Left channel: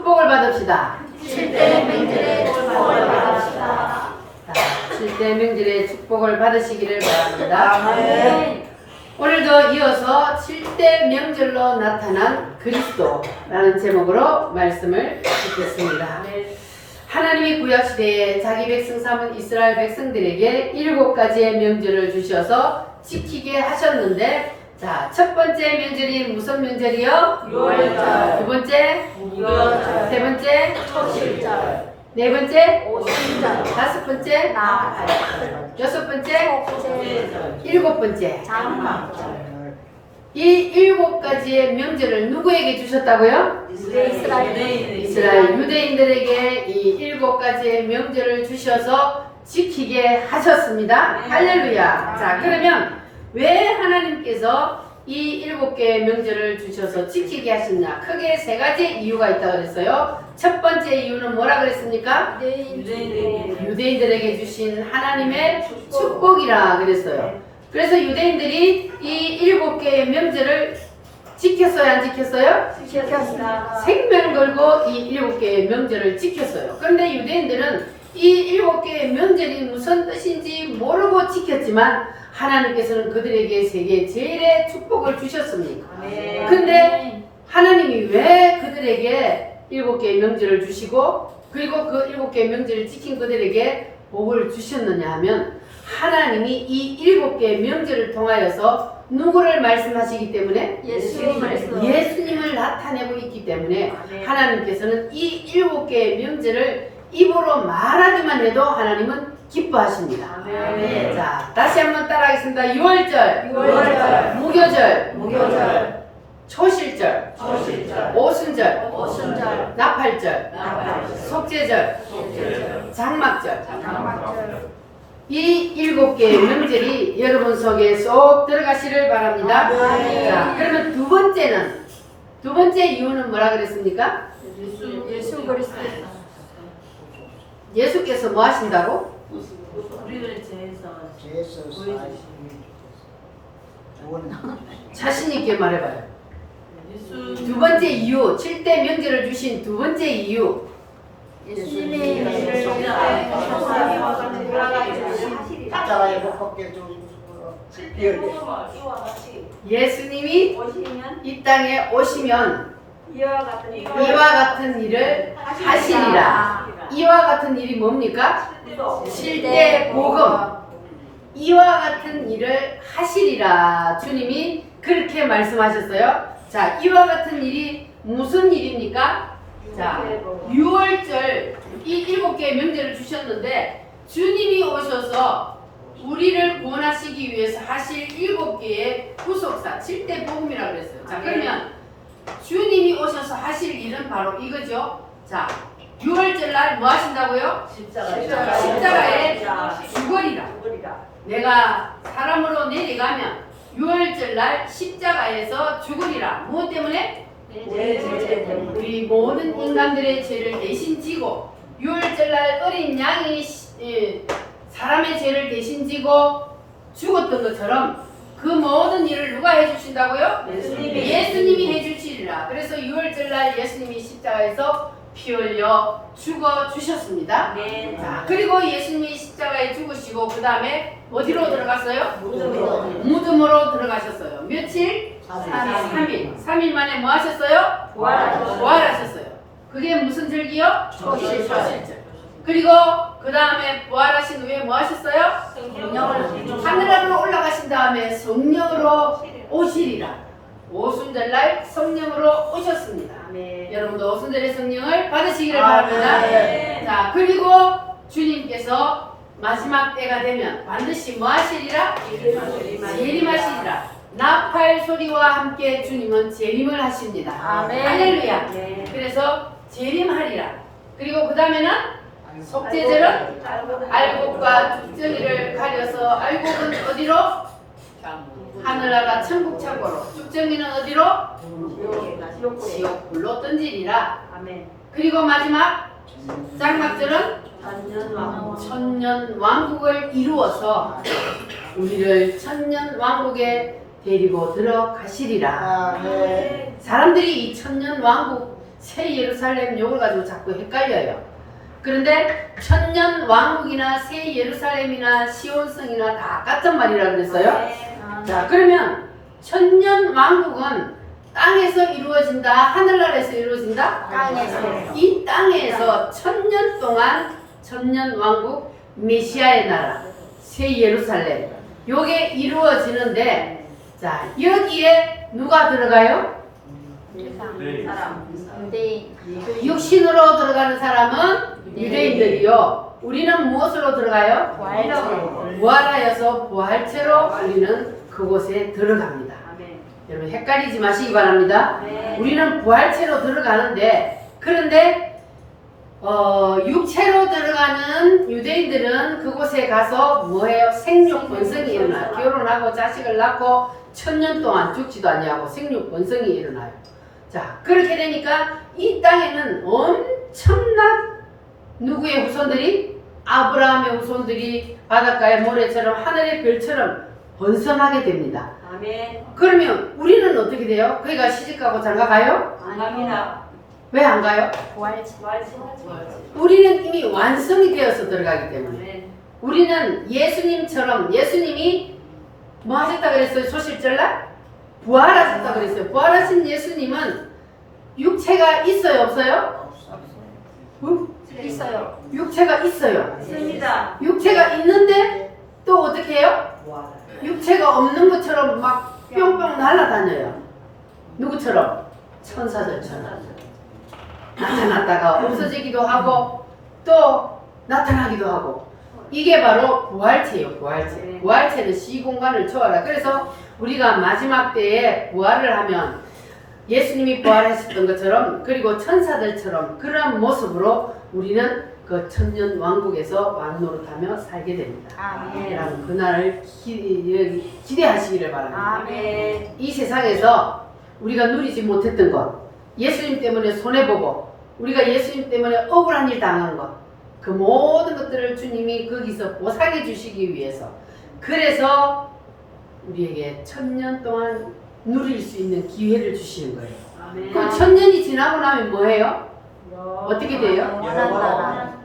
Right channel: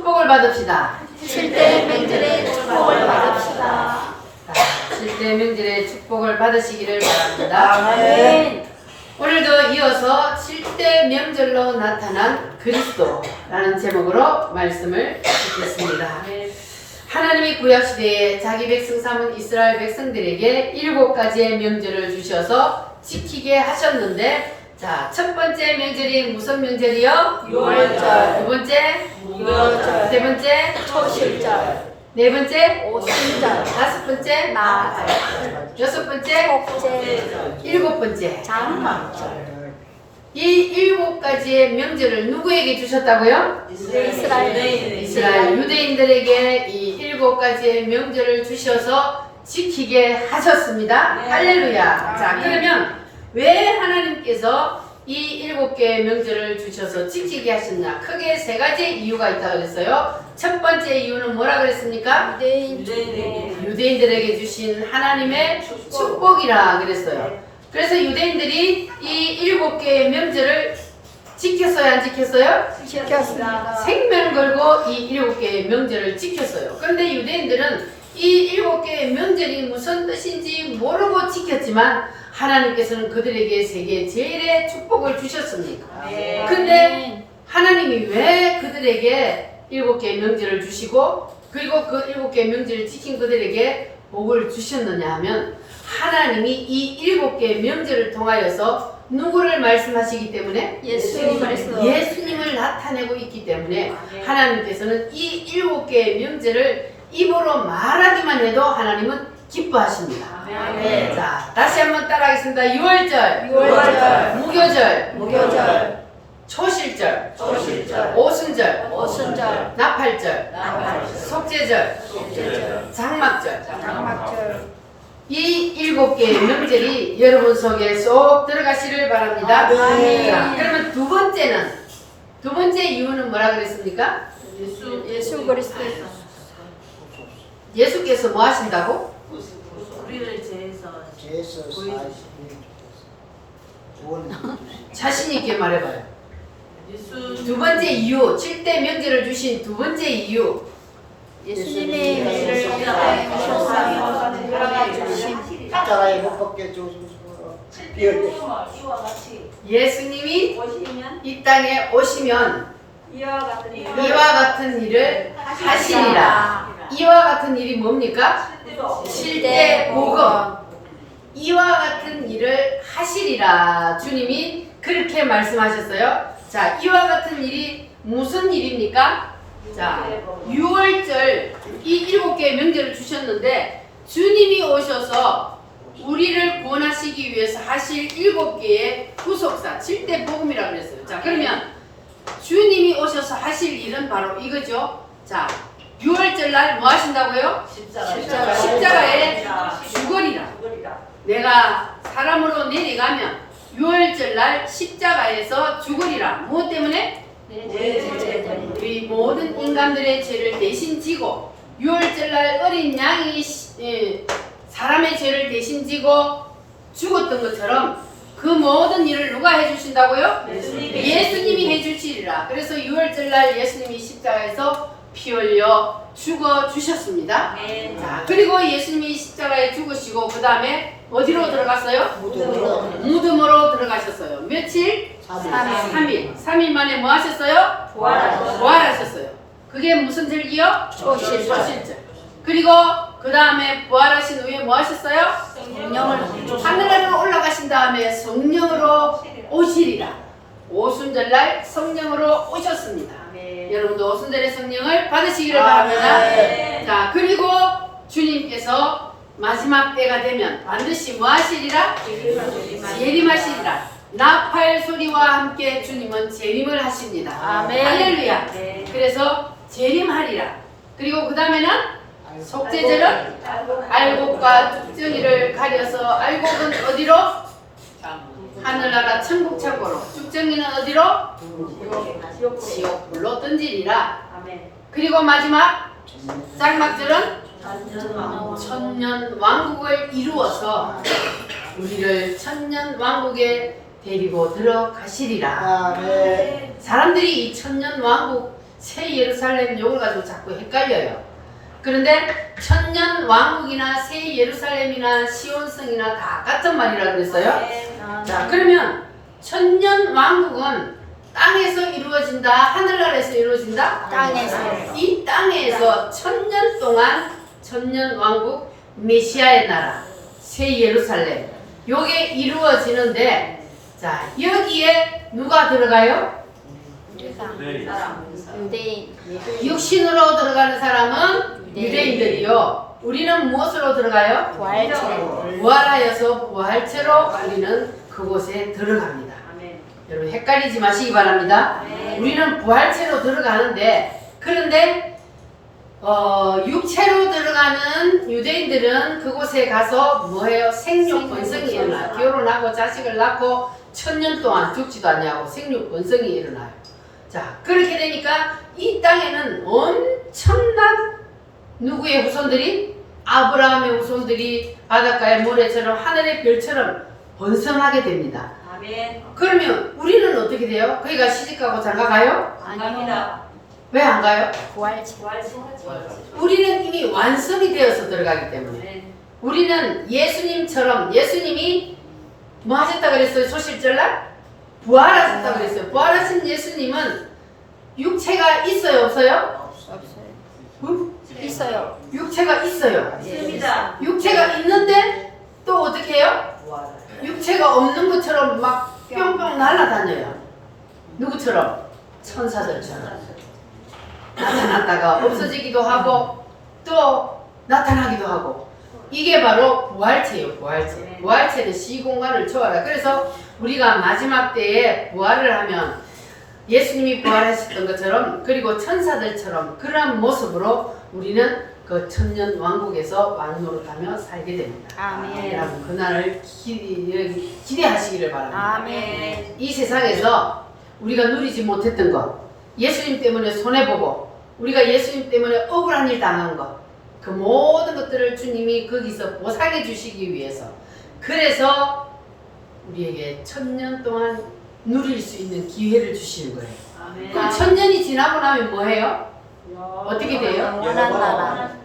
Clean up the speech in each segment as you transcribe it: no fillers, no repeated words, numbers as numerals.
축복을 받읍시다. 7대 명절에 축복을 받읍시다. 7대 명절에 축복을 받으시기를 바랍니다. 아멘. 오늘도 이어서 7대 명절로 나타난 그리스도라는 제목으로 말씀을 듣겠습니다. 하나님이 구약시대에 자기 백성 삼은 이스라엘 백성들에게 7가지의 명절을 주셔서 지키게 하셨는데, 자, 첫 번째 명절이 무슨 명절이요? 유월절. 두 번째? 무교절. 세 번째? 초실절. 네 번째? 오순절. 다섯 번째? 나절. 여섯 번째? 축제절. 일곱 번째? 장막절. 이 7가지의 명절을 누구에게 주셨다고요? 이스라엘 유대인들에게 이 7가지의 명절을 주셔서 지키게 하셨습니다. 할렐루야. 자, 그러면 왜 하나님께서 이 7개의 명절을 주셔서 지키게 하셨냐? 크게 3가지 이유가 있다고 그랬어요. 첫 번째 이유는 뭐라 그랬습니까? 유대인들에게 주신 하나님의 축복이라 그랬어요. 그래서 유대인들이 이 7개의 명절을 지켰어요, 안 지켰어요? 지켰습니다. 생명 걸고 이 7개의 명절을 지켰어요. 그런데 유대인들은 이 7개의 명절이 무슨 뜻인지 모르고 지켰지만 하나님께서는 그들에게 세계 제일의 축복을 주셨습니다. 근데 하나님이 왜 그들에게 7개의 명절을 주시고 그리고 그 7개의 명절을 지킨 그들에게 복을 주셨느냐 하면 하나님이 이 7개의 명절을 통하여서 누구를 말씀하시기 때문에? 예수님을 나타내고 있기 때문에 하나님께서는 이 7개의 명절을 입으로 말하기만 해도 하나님은 기뻐하십니다. 자, 다시 한번 따라하겠습니다. 유월절, 무교절, 초실절, 오순절, 나팔절, 속죄절, 장막절. 이 7개의 명절이 여러분 속에 쏙 들어가시를 바랍니다. 자, 그러면 두 번째 이유는 뭐라 그랬습니까? 예수 그리스도. 예수께서 뭐 하신다고? 우리를 죄에서 자신 있게 말해봐요. 두 예수 번째 이유, 7대 명절을 주신 두 번째 이유. 예수님의 명절을 십자가에 못 박게 해주고 예수님이 이 땅에 오시면 이와 같은 일을 하시리라. 이와 같은 일이 뭡니까? 7대 복음. 이와 같은 일을 하시리라. 주님이 그렇게 말씀하셨어요. 자, 이와 같은 일이 무슨 일입니까? 자, 6월절 이 7개의 명절을 주셨는데 주님이 오셔서 우리를 구원하시기 위해서 하실 7개의 구속사 7대 복음이라고 그랬어요. 자, 그러면 주님이 오셔서 하실 일은 바로 이거죠. 자, 6월절 날 뭐 하신다고요? 십자가에 죽으리라. 내가 사람으로 내려가면 6월절 날 십자가에서 죽으리라. 무엇 때문에? 우리 모든 인간들의 죄를 대신 지고 6월절 날 어린 양이 사람의 죄를 대신 지고 죽었던 것처럼 그 모든 일을 누가 해주신다고요? 예수님이 해주시리라. 그래서 6월절 날 예수님이 십자가에서 피 흘려 죽어 주셨습니다. 자, 그리고 예수님이 십자가에 죽으시고 그 다음에 어디로 들어갔어요? 무덤으로 들어가셨어요. 며칠? 3일 만에 뭐 하셨어요? 부활하셨어요. 그게 무슨 절기요? 초실절. 그리고 그 다음에 부활하신 후에 뭐 하셨어요? 하늘로 올라가신 다음에 성령으로 오시리라. 오순절날 성령으로 오셨습니다. 여러분도 오순절의 성령을 받으시기를 바랍니다. 자, 그리고 주님께서 마지막 때가 되면 반드시 뭐 하시리라? 재림하시리라. 나팔 소리와 함께 주님은 재림을 하십니다. 할렐루야. 그래서 재림하리라. 그리고 그 다음에는 속죄절은 알곡과 죽정이를 가려서 알곡은 어디로? 하늘나라 천국 창고로. 죽정이는 어디로? 지옥불로 던지리라. 그리고 마지막 장막절은 천년 왕국을 이루어서 우리를 천년 왕국에 데리고 들어가시리라. 사람들이 이 천년 왕국 새 예루살렘 요걸 가지고 자꾸 헷갈려요. 그런데 천년 왕국이나 새 예루살렘이나 시온성이나 다 같은 말이라 그랬어요. 자, 그러면 천년 왕국은 땅에서 이루어진다, 하늘나라에서 이루어진다? 땅에서. 이 땅에서 천년 동안 천년 왕국, 메시아의 나라, 새 예루살렘 요게 이루어지는데, 자, 여기에 누가 들어가요? 유대인. 육신으로 들어가는 사람은 유대인들이요. 우리는 무엇으로 들어가요? 부활체로. 부활하여서 부활체로 우리는 그곳에 들어갑니다. 여러분 헷갈리지 마시기 바랍니다. 우리는 부활체로 들어가는데, 그런데 육체로 들어가는 유대인들은 그곳에 가서 뭐해요? 생육 번성이 일어나요. 결혼하고 자식을 낳고 천년 동안 죽지도 않냐고 생육 번성이 일어나요. 자, 그렇게 되니까 이 땅에는 엄청난 누구의 후손들이? 아브라함의 후손들이 바닷가의 모래처럼 하늘의 별처럼 번성하게 됩니다. 그러면 우리는 어떻게 돼요? 거기가 시집가고 장가가요? 아닙니다. 왜 안 가요? 부활체. 우리는 이미 완성이 되어서 들어가기 때문에, 우리는 예수님처럼, 예수님이 뭐 하셨다 그랬어요? 소실절날? 부활하셨다 그랬어요. 부활하신 예수님은 육체가 있어요, 없어요? 응? 있어요. 육체가 있어요. 있습니다. 육체가 있는데 또 어떻게 해요? 육체가 없는 것처럼 막 뿅뿅 날아다녀요. 누구처럼? 천사들처럼. 나타났다가 없어지기도 하고 또 나타나기도 하고. 이게 바로 부활체예요. 부활체. 부활체는 시공간을 초월하. 그래서 우리가 마지막 때에 부활을 하면 예수님이 부활하셨던 것처럼, 그리고 천사들처럼 그러한 모습으로 우리는 그 천년 왕국에서 왕노릇하며 살게 됩니다. 아멘. 여러분 그날을 기대하시기를 바랍니다. 아멘. 이 세상에서 우리가 누리지 못했던 것, 예수님 때문에 손해보고 우리가 예수님 때문에 억울한 일 당한 것, 그 모든 것들을 주님이 거기서 보상해 주시기 위해서, 그래서 우리에게 천년 동안 누릴 수 있는 기회를 주시는 거예요. 그럼 천년이 지나고 나면 뭐해요? 어떻게 돼요? 영원한 나라.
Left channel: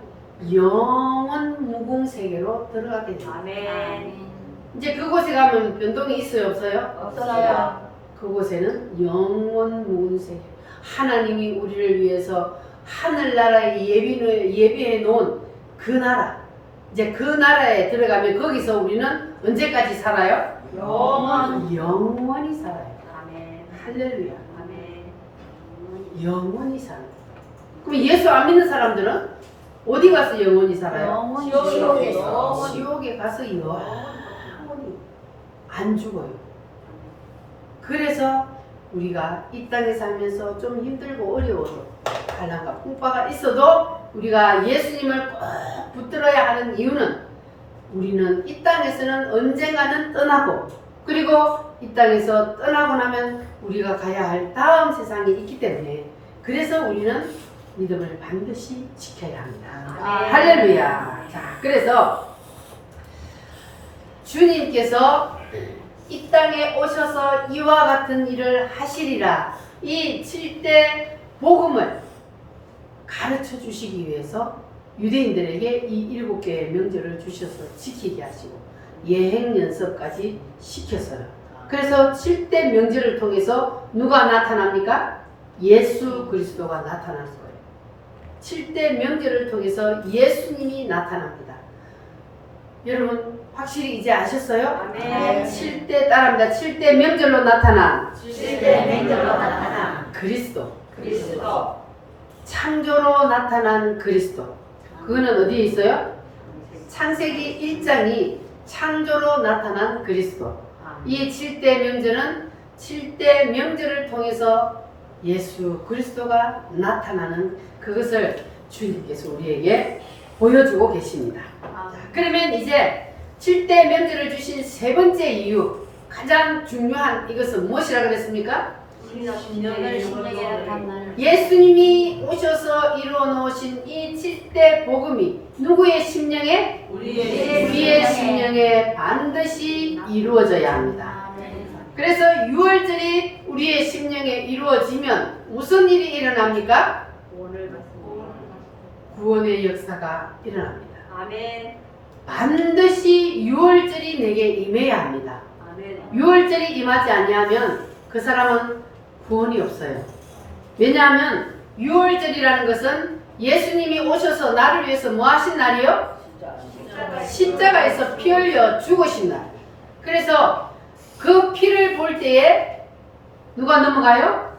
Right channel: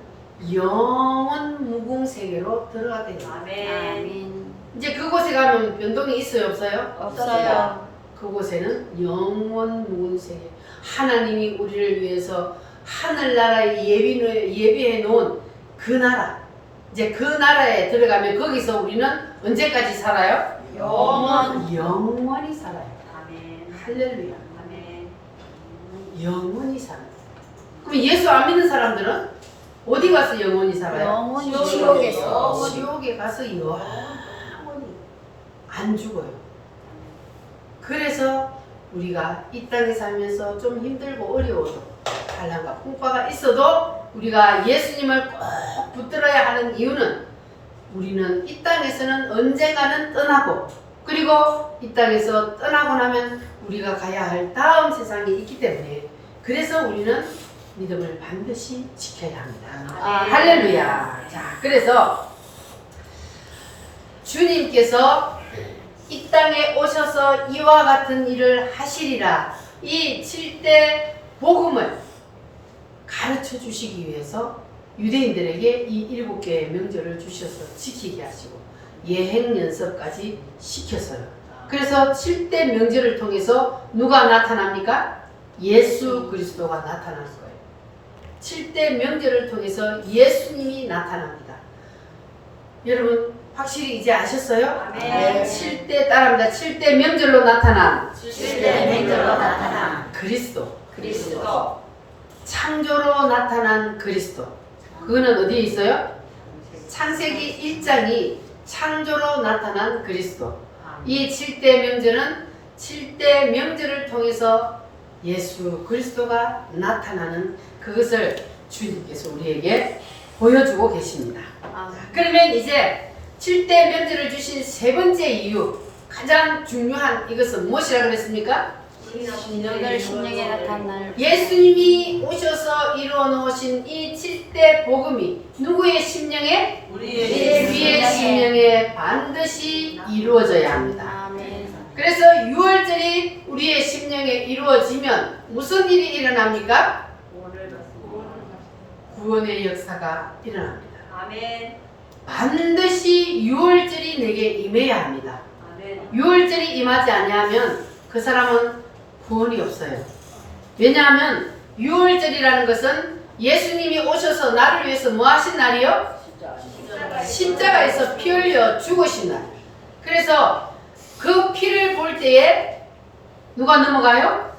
영원 무궁세계로 들어가게 돼요. 아멘. 이제 그곳에 가면 변동이 있어요, 없어요? 없어요. 그곳에는 영원 무궁세계, 하나님이 우리를 위해서 하늘나라에 예비해 놓은 그 나라, 이제 그 나라에 들어가면 거기서 우리는 언제까지 살아요? 영원히 살아요. 할렐루야. 영원히 살아요. 그럼 예수 안 믿는 사람들은 어디 가서 영원히 살아요? 영원히 지옥에서. 지옥에 가서 영원히 안 죽어요. 그래서 우리가 이 땅에 살면서 좀 힘들고 어려워도, 환난과 풍파가 있어도 우리가 예수님을 꼭 붙들어야 하는 이유는, 우리는 이 땅에서는 언젠가는 떠나고, 그리고 이 땅에서 떠나고 나면 우리가 가야 할 다음 세상이 있기 때문에, 그래서 우리는 믿음을 반드시 지켜야 합니다. 할렐루야. 자, 그래서 주님께서 이 땅에 오셔서 이와 같은 일을 하시리라, 이 7대 복음을 가르쳐 주시기 위해서 유대인들에게 이 7개의 명절을 주셔서 지키게 하시고 예행 연습까지 시켰어요. 그래서 7대 명절을 통해서 누가 나타납니까? 예수 그리스도가 나타날 거예요. 7대 명절을 통해서 예수님이 나타납니다. 여러분 확실히 이제 아셨어요? 아멘. 7대 따라합니다. 7대 명절로 나타난 그리스도. 창조로 나타난 그리스도. 그거는 어디에 있어요? 창세기 1장이 창조로 나타난 그리스도. 이 7대 명절은 7대 명절을 통해서 예수 그리스도가 나타나는 그것을 주님께서 우리에게 보여주고 계십니다. 자, 그러면 이제 7대 명절을 주신 세 번째 이유, 가장 중요한 이것은 무엇이라 그랬습니까? 신령에 나타날 예수님이 오셔서 이루어 놓으신 이 7대 복음이 누구의 심령에? 우리의 심령에 반드시 이루어져야 합니다. 아멘. 그래서 6월절이 우리의 심령에 이루어지면 무슨 일이 일어납니까? 구원의 역사가 일어납니다. 아멘. 반드시 6월절이 내게 임해야 합니다. 아멘. 6월절이 임하지 않으면 그 사람은 구원이 없어요. 왜냐하면 6월절이라는 것은 예수님이 오셔서 나를 위해서 뭐 하신 날이요? 십자가에서 피 흘려 죽으신 날. 그래서 그 피를 볼 때에 누가 넘어가요?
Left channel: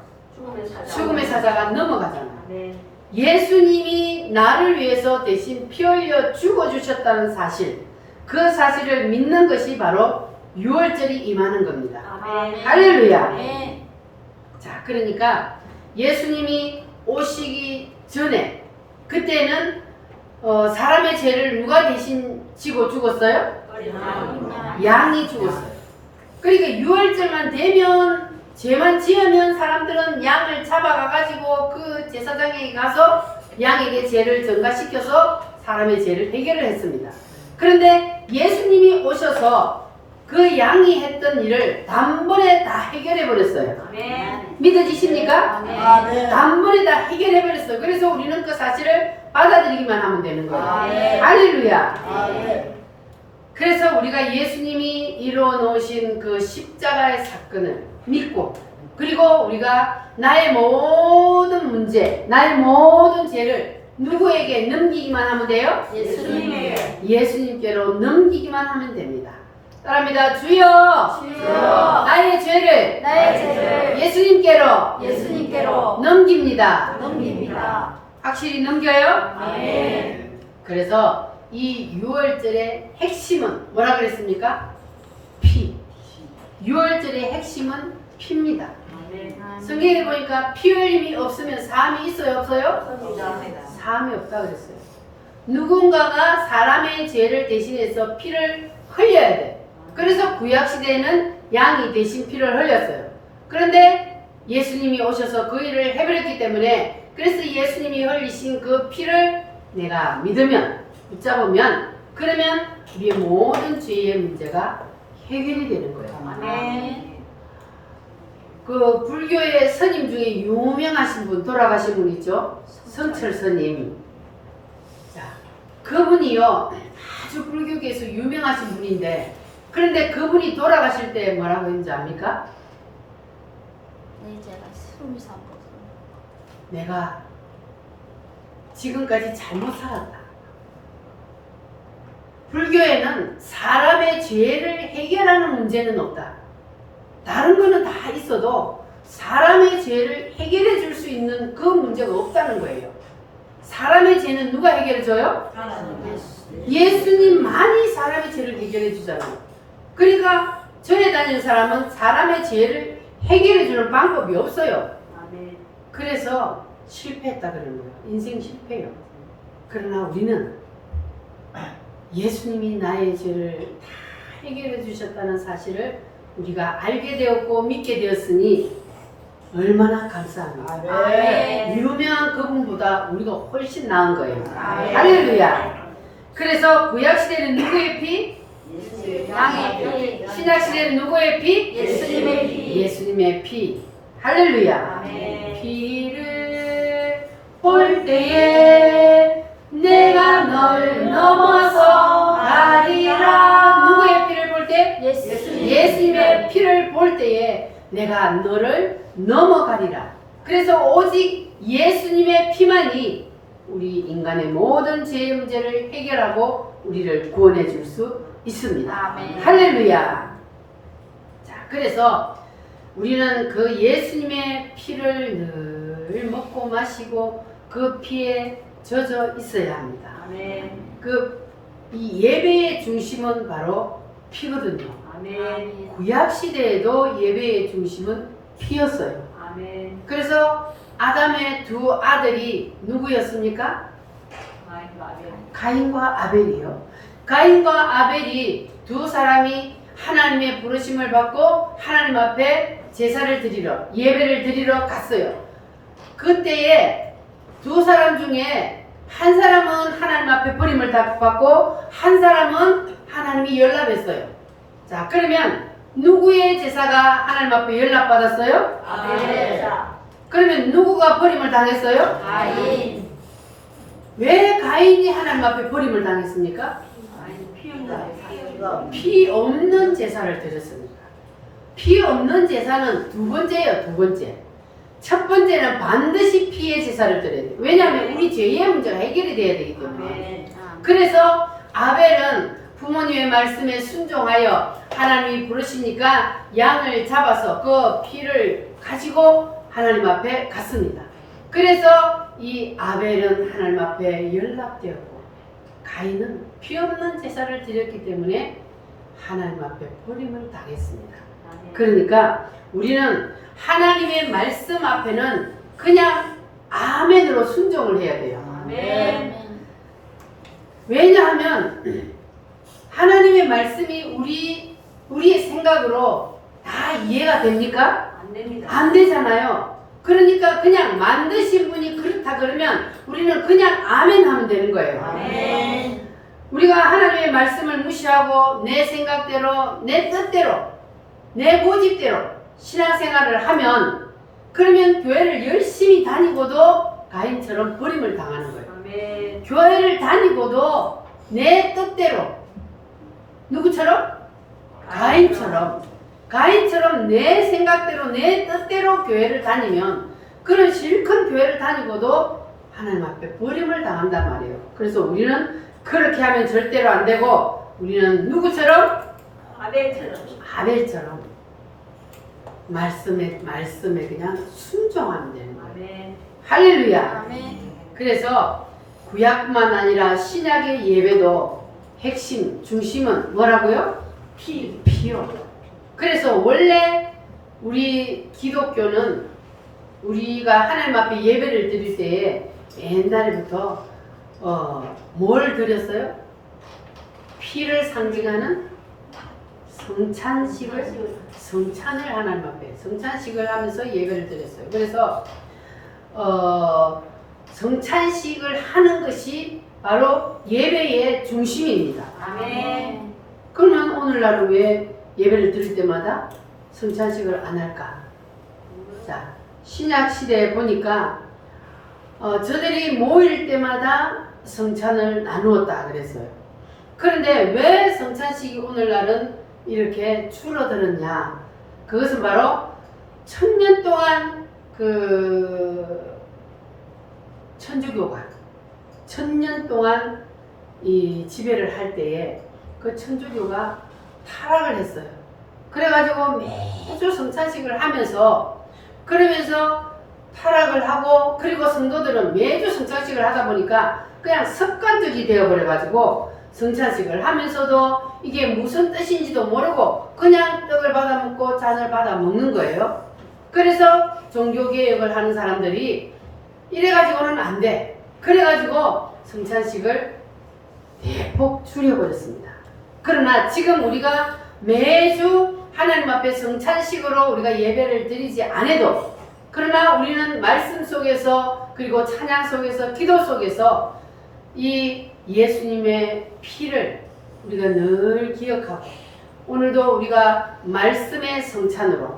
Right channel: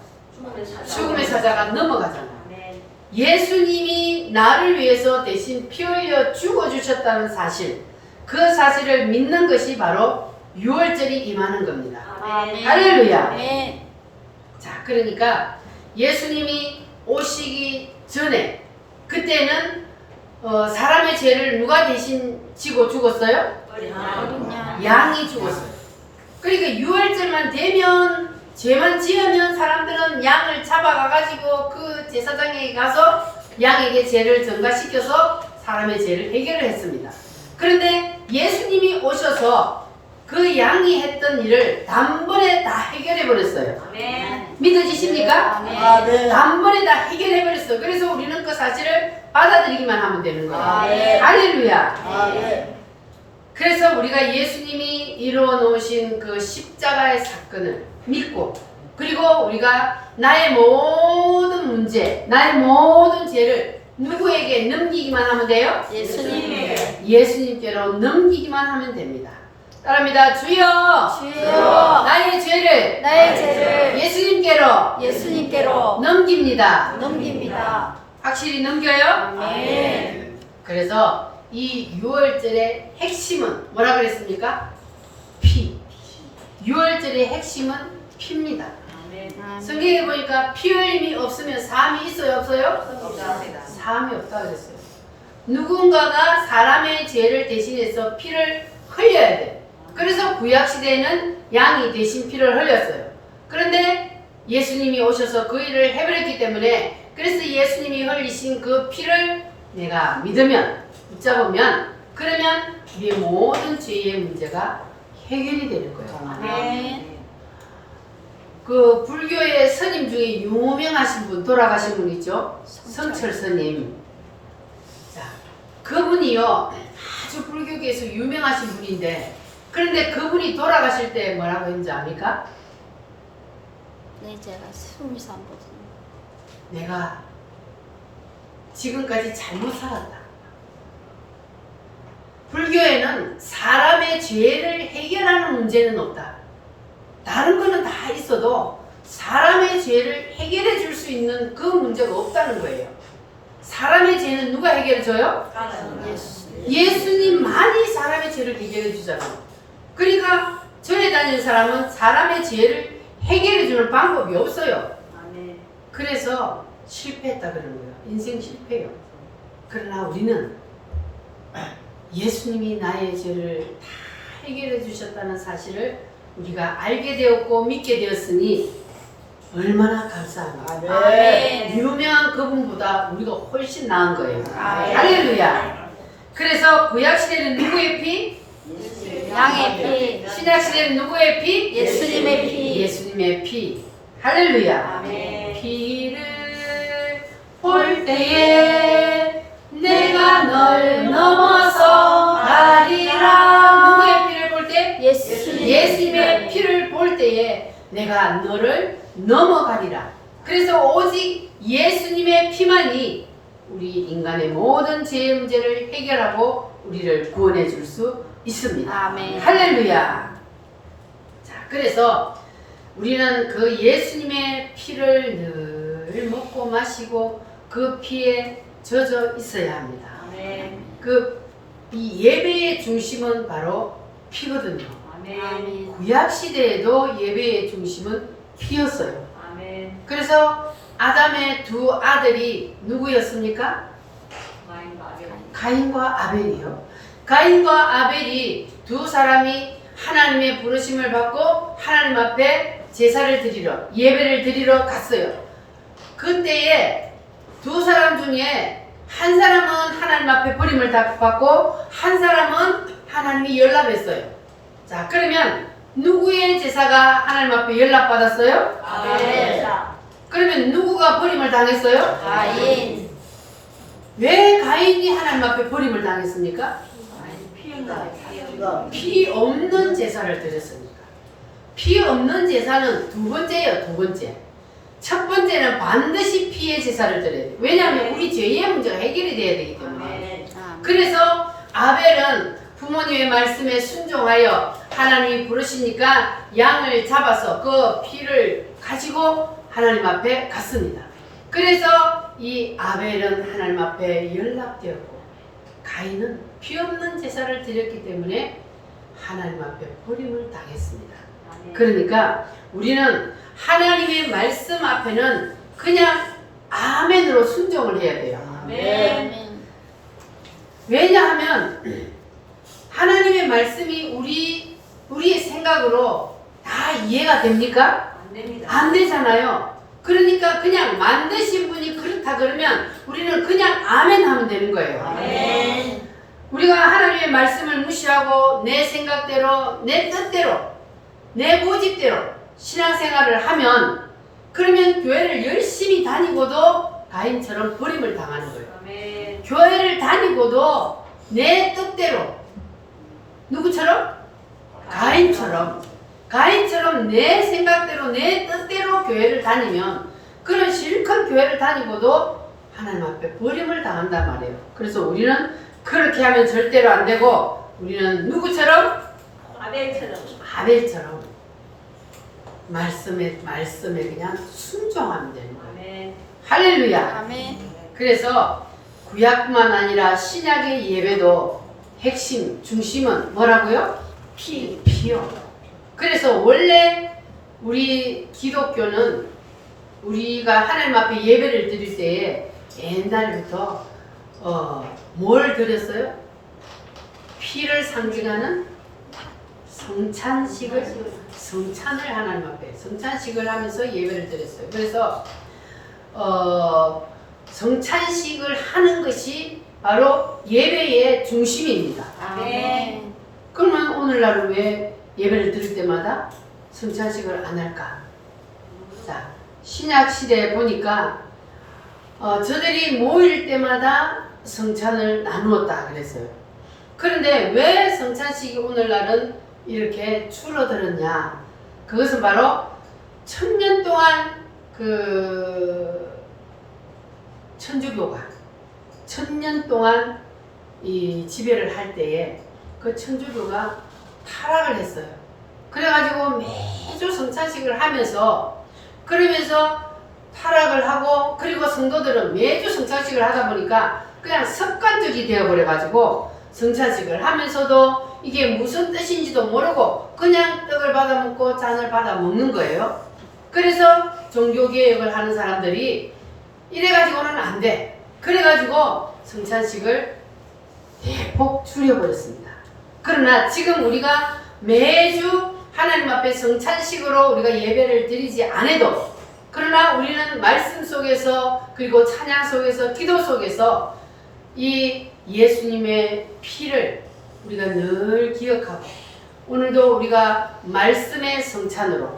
죽음의 사자가 넘어가잖아. 아멘. 예수님이 나를 위해서 대신 피 흘려 죽어주셨다는 사실, 그 사실을 믿는 것이 바로 6월절이 임하는 겁니다. 아멘. 할렐루야. 아멘. 자, 그러니까 예수님이 오시기 전에 그때는 사람의 죄를 누가 대신 지고 죽었어요? 어린 양. 양이 죽었어요. 그러니까 6월절만 되면 죄만 지으면 사람들은 양을 잡아가가지고 그 제사장에게 가서 양에게 죄를 전가시켜서 사람의 죄를 해결을 했습니다. 그런데 예수님이 오셔서 그 양이 했던 일을 단번에 다 해결해 버렸어요. 아멘. 믿어지십니까? 아멘. 단번에 다 해결해 버렸어요. 그래서 우리는 그 사실을 받아들이기만 하면 되는 거예요. 아멘. 할렐루야. 그래서 우리가 예수님이 이루어 놓으신 그 십자가의 사건을 믿고, 그리고 우리가 나의 모든 문제, 나의 모든 죄를 누구에게 넘기기만 하면 돼요? 예수님에게. 예수님께로 넘기기만 하면 됩니다. 따라합니다. 주여, 주여. 나의 죄를 나의 죄를 예수님께로 예수님께로 넘깁니다. 넘깁니다. 확실히 넘겨요? 아멘. 그래서 이 6월절의 핵심은 뭐라 그랬습니까? 피. 6월절의 핵심은 피입니다. 아멘. 성경에 보니까 피 흘림이 없으면 사함이 있어요, 없어요? 사함이 없다 그랬어요. 누군가가 사람의 죄를 대신해서 피를 흘려야 돼. 그래서 구약 시대에는 양이 대신 피를 흘렸어요. 그런데 예수님이 오셔서 그 일을 해버렸기 때문에, 그래서 예수님이 흘리신 그 피를 내가 믿으면, 붙잡으면, 그러면 우리의 모든 죄의 문제가 해결이 되는 거예요. 아멘. 그 불교의 스님 중에 유명하신 분, 돌아가신 분 있죠? 성철 스님. 자, 그분이요, 아주 불교계에서 유명하신 분인데, 그런데 그분이 돌아가실 때 뭐라고 했는지 압니까? 네, 제가 20살 내가 지금까지 잘못 살았다. 불교에는 사람의 죄를 해결하는 문제는 없다. 다른 거는 다 있어도 사람의 죄를 해결해 줄 수 있는 그 문제가 없다는 거예요. 사람의 죄는 누가 해결해 줘요? 예수님만이 사람의 죄를 해결해 주잖아요. 그러니까 절에 다니는 사람은 사람의 죄를 해결해 주는 방법이 없어요. 아멘. 그래서 실패했다 그러는 거예요. 인생 실패요. 그러나 우리는 예수님이 나의 죄를 다 해결해 주셨다는 사실을 우리가 알게 되었고 믿게 되었으니 얼마나 감사합니까? 아멘. 유명한 그분보다 우리가 훨씬 나은 거예요. 아멘. 할렐루야. 그래서 구약시대는 누구의 피? 양의 피. 신약시대는 누구의 피? 예수님의 피. 예수님의 피. 할렐루야. 아멘. 피를 볼 때에 내가 널 넘어서 가리라. 누구의 피를 볼 때? 예수님의 피를 볼 때에 내가 너를 넘어가리라. 그래서 오직 예수님의 피만이 우리 인간의 모든 죄의 문제를 해결하고 우리를 구원해 줄 수 있습니다. 아멘. 할렐루야. 자, 그래서 우리는 그 예수님의 피를 늘 먹고 마시고 그 피에 젖어 있어야 합니다. 아멘. 이 예배의 중심은 바로 피거든요. 아멘. 구약 시대에도 예배의 중심은 피였어요. 아멘. 그래서 아담의 두 아들이 누구였습니까? 가인과 아벨이요. 가인과 아벨이 두 사람이 하나님의 부르심을 받고 하나님 앞에 제사를 드리러, 예배를 드리러 갔어요. 그때에 두 사람 중에 한 사람은 하나님 앞에 버림을 받고 한 사람은 하나님이 연락했어요. 자, 그러면 누구의 제사가 하나님 앞에 연락받았어요? 아멘. 그러면 누구가 버림을 당했어요? 가인. 왜 가인이 하나님 앞에 버림을 당했습니까? 피 없는 제사를 드렸습니다. 피 없는 제사는 두 번째예요, 두 번째. 첫 번째는 반드시 피의 제사를 드려야 돼요. 왜냐하면 우리 죄의 문제가 해결이 돼야 되기 때문에. 그래서 아벨은 부모님의 말씀에 순종하여 하나님이 부르시니까 양을 잡아서 그 피를 가지고 하나님 앞에 갔습니다. 그래서 이 아벨은 하나님 앞에 연락되었고 가인은 피 없는 제사를 드렸기 때문에 하나님 앞에 버림을 당했습니다. 그러니까 우리는 하나님의 말씀 앞에는 그냥 아멘으로 순종을 해야 돼요. 아멘. 왜냐하면 하나님의 말씀이 우리의 생각으로 다 이해가 됩니까? 안 됩니다. 안 되잖아요. 그러니까 그냥 만드신 분이 그렇다 그러면 우리는 그냥 아멘 하면 되는 거예요. 아멘. 우리가 하나님의 말씀을 무시하고 내 생각대로, 내 뜻대로, 내 고집대로 신앙생활을 하면 그러면 교회를 열심히 다니고도 가인처럼 버림을 당하는 거예요. 아멘. 교회를 다니고도 내 뜻대로 누구처럼? 가인처럼 내 생각대로 내 뜻대로 교회를 다니면 그런 실컷 교회를 다니고도 하나님 앞에 버림을 당한단 말이에요. 그래서 우리는 그렇게 하면 절대로 안 되고 우리는 누구처럼? 아벨처럼 말씀에 그냥 순종하면 되는 거예요. 아멘. 할렐루야. 아멘. 그래서 구약뿐만 아니라 신약의 예배도 핵심, 중심은 뭐라고요? 피요. 그래서 원래 우리 기독교는 우리가 하나님 앞에 예배를 드릴 때에 옛날부터 뭘 드렸어요? 피를 상징하는 성찬을 하나님 앞에 성찬식을 하면서 예배를 드렸어요. 그래서 성찬식을 하는 것이 바로 예배의 중심입니다. 아멘. 그러면 오늘날은 왜 예배를 드릴 때마다 성찬식을 안 할까? 자, 신약 시대에 보니까 저들이 모일 때마다 성찬을 나누었다 그랬어요. 그런데 왜 성찬식이 오늘날은 이렇게 줄어들었냐? 그것은 바로 1000년 동안 천주교가 1000년 동안 이 지배를 할 때에 그 천주교가 타락을 했어요. 그래가지고 매주 성찬식을 하면서 그러면서 타락을 하고 그리고 성도들은 매주 성찬식을 하다 보니까 그냥 습관적이 되어버려가지고 성찬식을 하면서도 이게 무슨 뜻인지도 모르고 그냥 떡을 받아 먹고 잔을 받아 먹는 거예요. 그래서 종교개혁을 하는 사람들이 이래가지고는 안 돼. 그래가지고 성찬식을 대폭 줄여버렸습니다. 그러나 지금 우리가 매주 하나님 앞에 성찬식으로 우리가 예배를 드리지 않아도 그러나 우리는 말씀 속에서 그리고 찬양 속에서 기도 속에서 이 예수님의 피를 우리가 늘 기억하고 오늘도 우리가 말씀의 성찬으로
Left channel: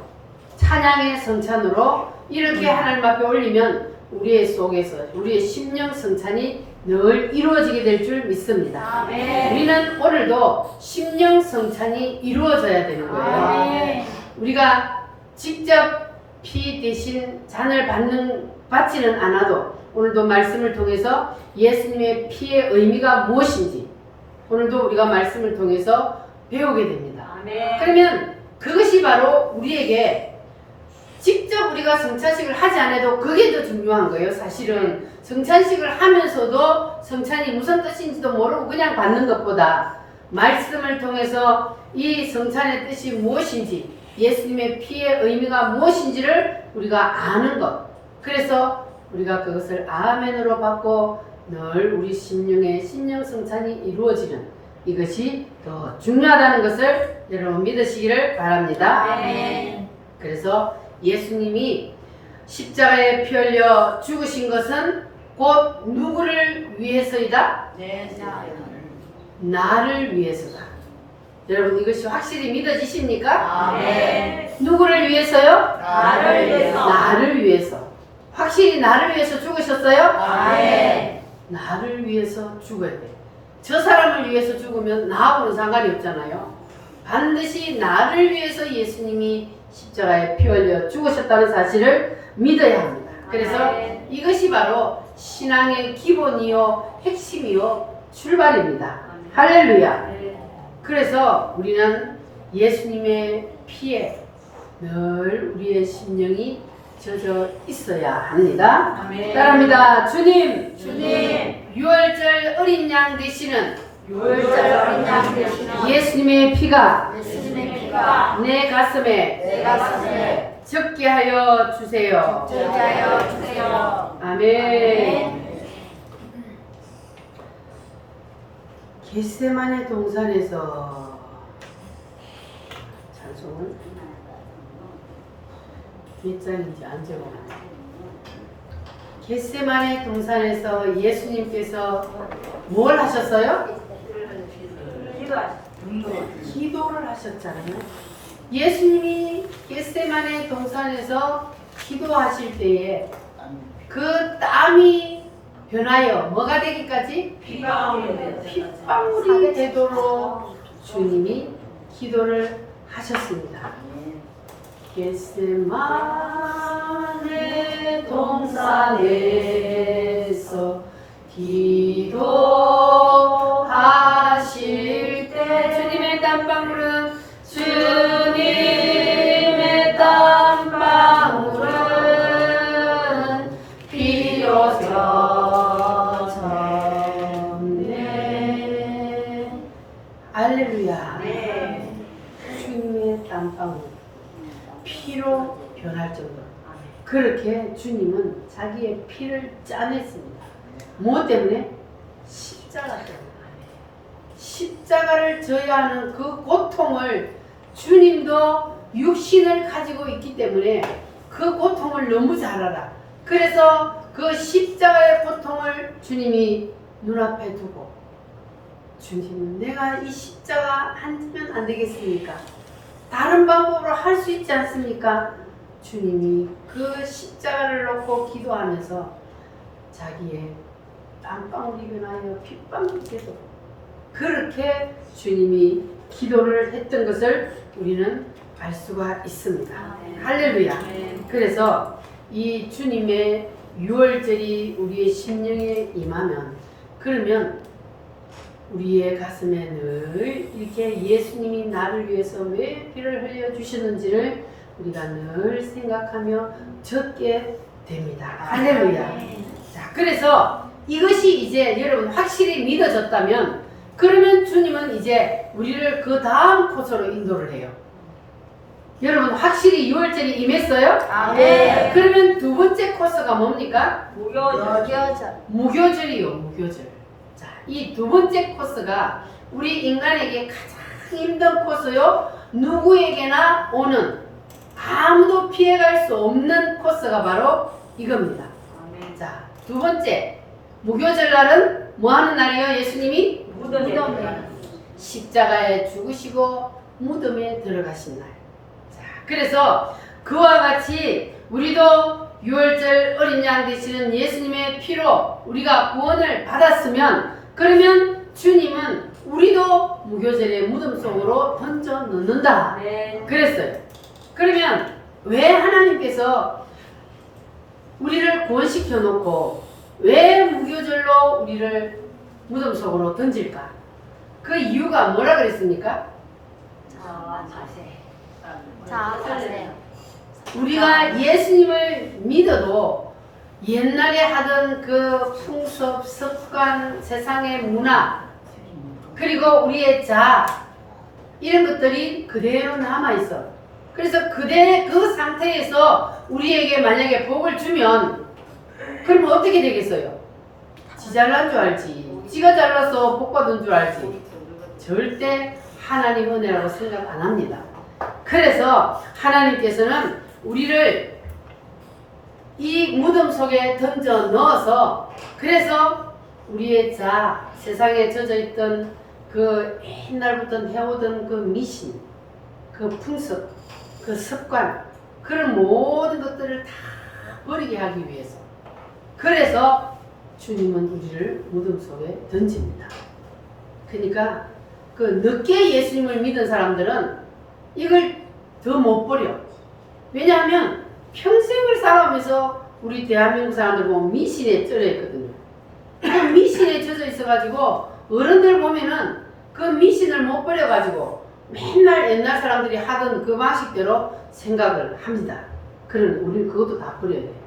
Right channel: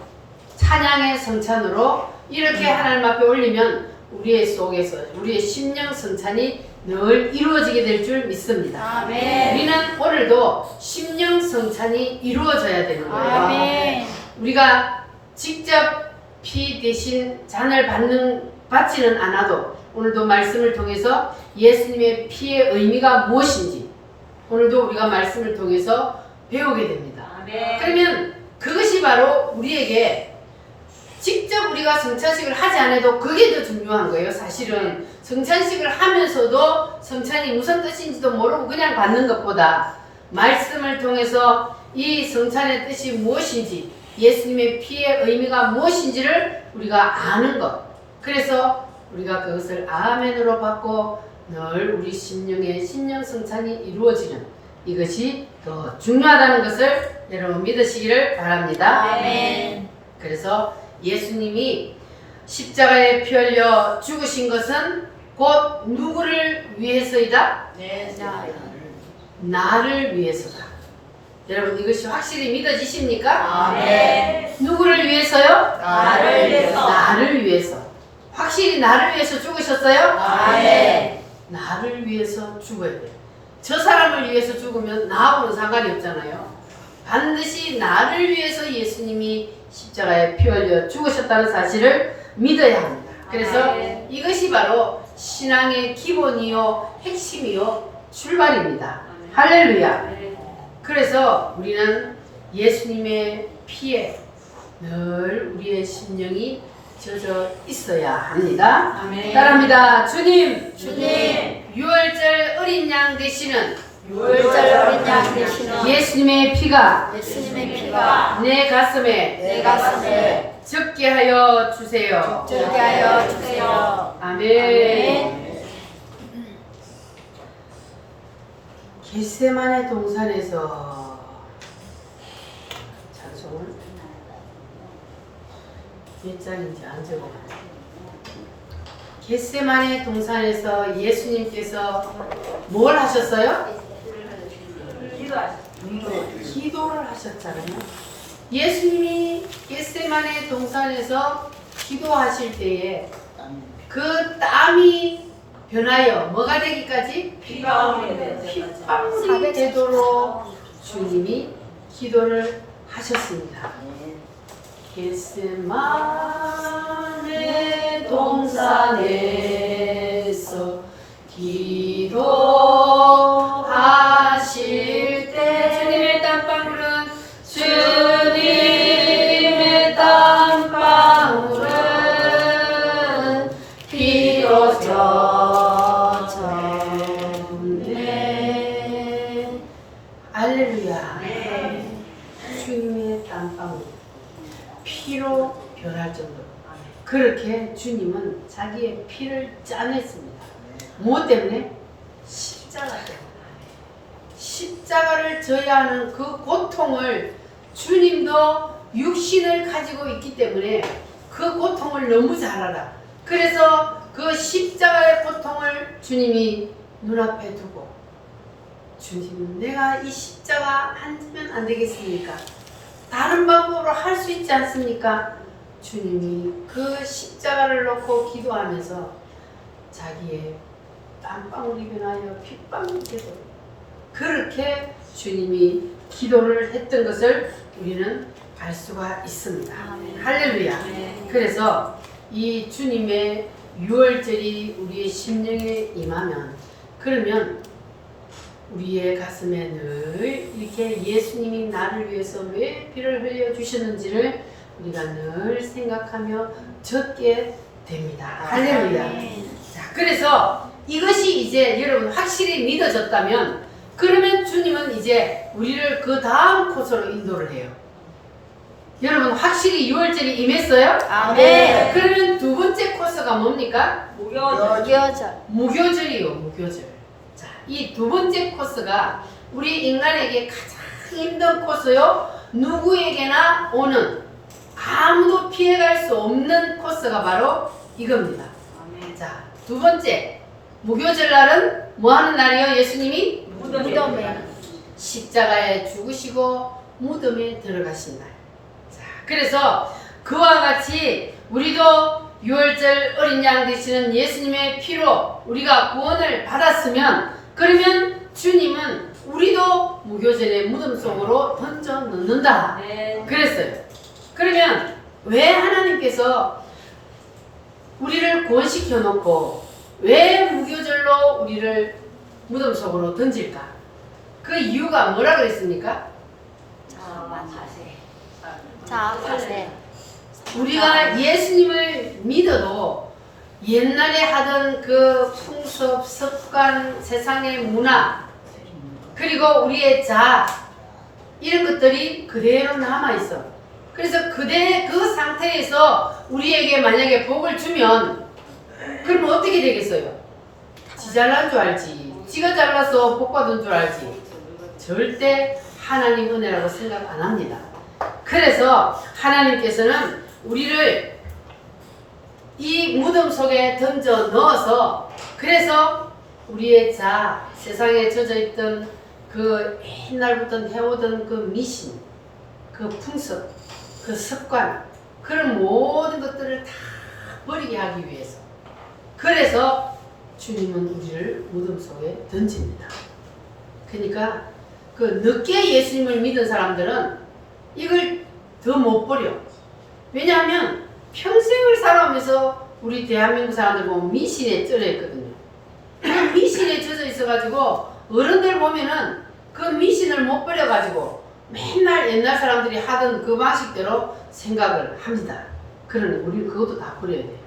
찬양의 성찬으로 이렇게 하나님 앞에 올리면 우리의 속에서 우리의 심령 성찬이 늘 이루어지게 될 줄 믿습니다. 아멘. 우리는 오늘도 심령 성찬이 이루어져야 되는 거예요. 아멘. 우리가 직접 피 대신 잔을 받지는 않아도 오늘도 말씀을 통해서 예수님의 피의 의미가 무엇인지 오늘도 우리가 말씀을 통해서 배우게 됩니다. 아멘. 그러면 그것이 바로 우리에게 직접 우리가 성찬식을 하지 않아도 그게 더 중요한 거예요. 사실은 성찬식을 하면서도 성찬이 무슨 뜻인지도 모르고 그냥 받는 것보다 말씀을 통해서 이 성찬의 뜻이 무엇인지 예수님의 피의 의미가 무엇인지를 우리가 아는 것. 그래서 우리가 그것을 아멘으로 받고 늘 우리 심령의 심령 성찬이 이루어지는 이것이 더 중요하다는 것을 여러분 믿으시기를 바랍니다. 아멘. 그래서 예수님이 십자가에 피 흘려 죽으신 것은 곧 누구를 위해서이다? 네. 나를 위해서다. 여러분 이것이 확실히 믿어지십니까? 아멘. 누구를 위해서요? 나를 위해서. 나를 위해서. 확실히 나를 위해서 죽으셨어요? 아멘. 나를 위해서 죽어야 돼. 저 사람을 위해서 죽으면 나하고는 상관이 없잖아요. 반드시 나를 위해서 예수님이 십자가에 피 흘려 죽으셨다는 사실을 믿어야 합니다. 그래서 이것이 바로 신앙의 기본이요, 핵심이요, 출발입니다. 할렐루야. 그래서 우리는 예수님의 피에 늘 우리의 심령이 젖어 있어야 합니다. 아멘. 따라합니다. 주님, 주님. 유월절 어린 양 되시는 유월절 어린 양 되시는 예수님의 피가 예수님의 피가 내 가슴에 내 가슴에 적게 하여 주세요. 적게 하여 주세요. 아멘. 겟세마네 동산에서 찬송을 몇 장인지 안 적어놨네. 겟세마네 동산에서 예수님께서 뭘 하셨어요? 기도를 하셨잖아요. 예수님이 겟세마네 동산에서 기도하실 때에 그 땀이 변하여 뭐가 되기까지? 핏방울이 되도록 주님이 기도를 하셨습니다. 겟세마네 동산에서 기도하실 때 주님의 땀방울은 주님의 땀방울은 피로 젖었네. 할렐루야. 주님의 땀방울 피로 변할 정도로 그렇게 주님은 자기의 피를 짜냈습니다. 무엇 때문에? 십자가 때문에. 십자가를 져야 하는 그 고통을 주님도 육신을 가지고 있기 때문에 그 고통을 너무 잘 알아. 그래서 그 십자가의 고통을 주님이 눈앞에 두고 주님, 내가 이 십자가 앉으면 안 되겠습니까? 다른 방법으로 할 수 있지 않습니까? 주님이 그 십자가를 놓고 기도하면서 자기의 땀방울이 변하여 핏방울이 되도록 그렇게 주님이 기도를 했던 것을 우리는 알 수가 있습니다. 할렐루야. 그래서 이 주님의 유월절이 우리의 심령에 임하면 그러면 우리의 가슴에 늘 이렇게 예수님이 나를 위해서 왜 피를 흘려 주셨는지를 우리가 늘 생각하며 젖게 됩니다. 할렐루야. 자, 그래서 이것이 이제 여러분 확실히 믿어졌다면 그러면 주님은 이제 우리를 그 다음 코스로 인도를 해요. 여러분 확실히 유월절이 임했어요? 아멘. 그러면 두 번째 코스가 뭡니까? 무교절. 무교절이요, 무교절. 자, 이 두 번째 코스가 우리 인간에게 가장 힘든 코스요. 누구에게나 오는 아무도 피해갈 수 없는 코스가 바로 이겁니다. 자, 두 번째 무교절 날은 뭐 하는 날이요? 예수님이 무덤에. 십자가에 죽으시고 무덤에 들어가신 날. 자, 그래서 그와 같이 우리도 유월절 어린 양 되시는 예수님의 피로 우리가 구원을 받았으면 그러면 주님은 우리도 무교절의 무덤 속으로 던져 넣는다. 그랬어요. 그러면 왜 하나님께서 우리를 구원시켜 놓고 왜 무교절로 우리를 무덤 속으로 던질까? 그 이유가 뭐라 그랬습니까? 자, 보세요. 우리가 예수님을 믿어도 옛날에 하던 그 풍습, 습관, 세상의 문화 그리고 우리의 자아 이런 것들이 그대로 남아있어. 그래서 그 상태에서 우리에게 만약에 복을 주면 그럼 어떻게 되겠어요? 지 잘난 줄 알지. 지가 잘나서 복 받은 줄 알지. 절대 하나님 은혜라고 생각 안 합니다. 그래서 하나님께서는 우리를 이 무덤 속에 던져 넣어서 그래서 우리의 세상에 젖어 있던 그 옛날부터 해오던 그 미신, 그 풍습, 그 습관, 그런 모든 것들을 다 버리게 하기 위해서. 그래서 주님은 우리를 무덤 속에 던집니다. 그러니까 그 늦게 예수님을 믿은 사람들은 이걸 더 못 버려. 왜냐하면 평생을 살아오면서 우리 대한민국 사람들 보면 미신에 쩔어 있거든요. 그 미신에 젖어 있어가지고 어른들 보면은 그 미신을 못 버려가지고 맨날 옛날 사람들이 하던 그 방식대로 생각을 합니다. 그러니 우리는 그것도 다 버려야 돼.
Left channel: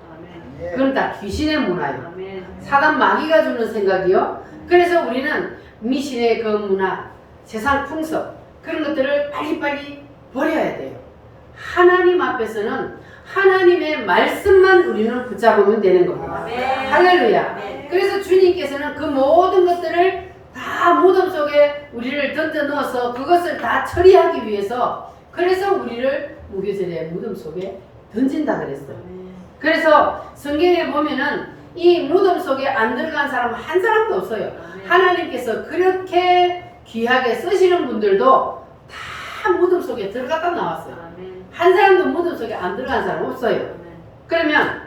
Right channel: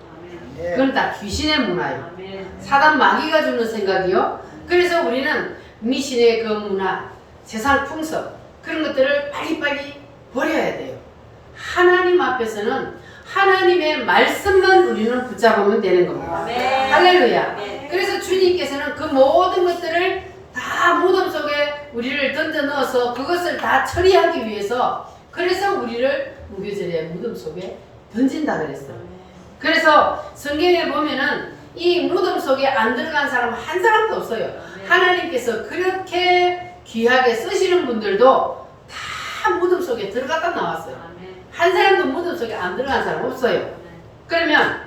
그건 다 귀신의 문화예요. 사단 마귀가 주는 생각이요. 그래서 우리는 미신의 그 문화, 세상 풍습 그런 것들을 빨리빨리 버려야 돼요. 하나님 앞에서는 하나님의 말씀만 우리는 붙잡으면 되는 겁니다. 할렐루야. 그래서 주님께서는 그 모든 것들을 다 무덤 속에 우리를 던져 넣어서 그것을 다 처리하기 위해서 그래서 우리를 무교절에 무덤 속에 던진다 그랬어요. 그래서 성경에 보면은 이 무덤 속에 안 들어간 사람 한 사람도 없어요. 하나님께서 그렇게 귀하게 쓰시는 분들도 다 무덤 속에 들어갔다 나왔어요. 한 사람도 무덤 속에 안 들어간 사람 없어요. 그러면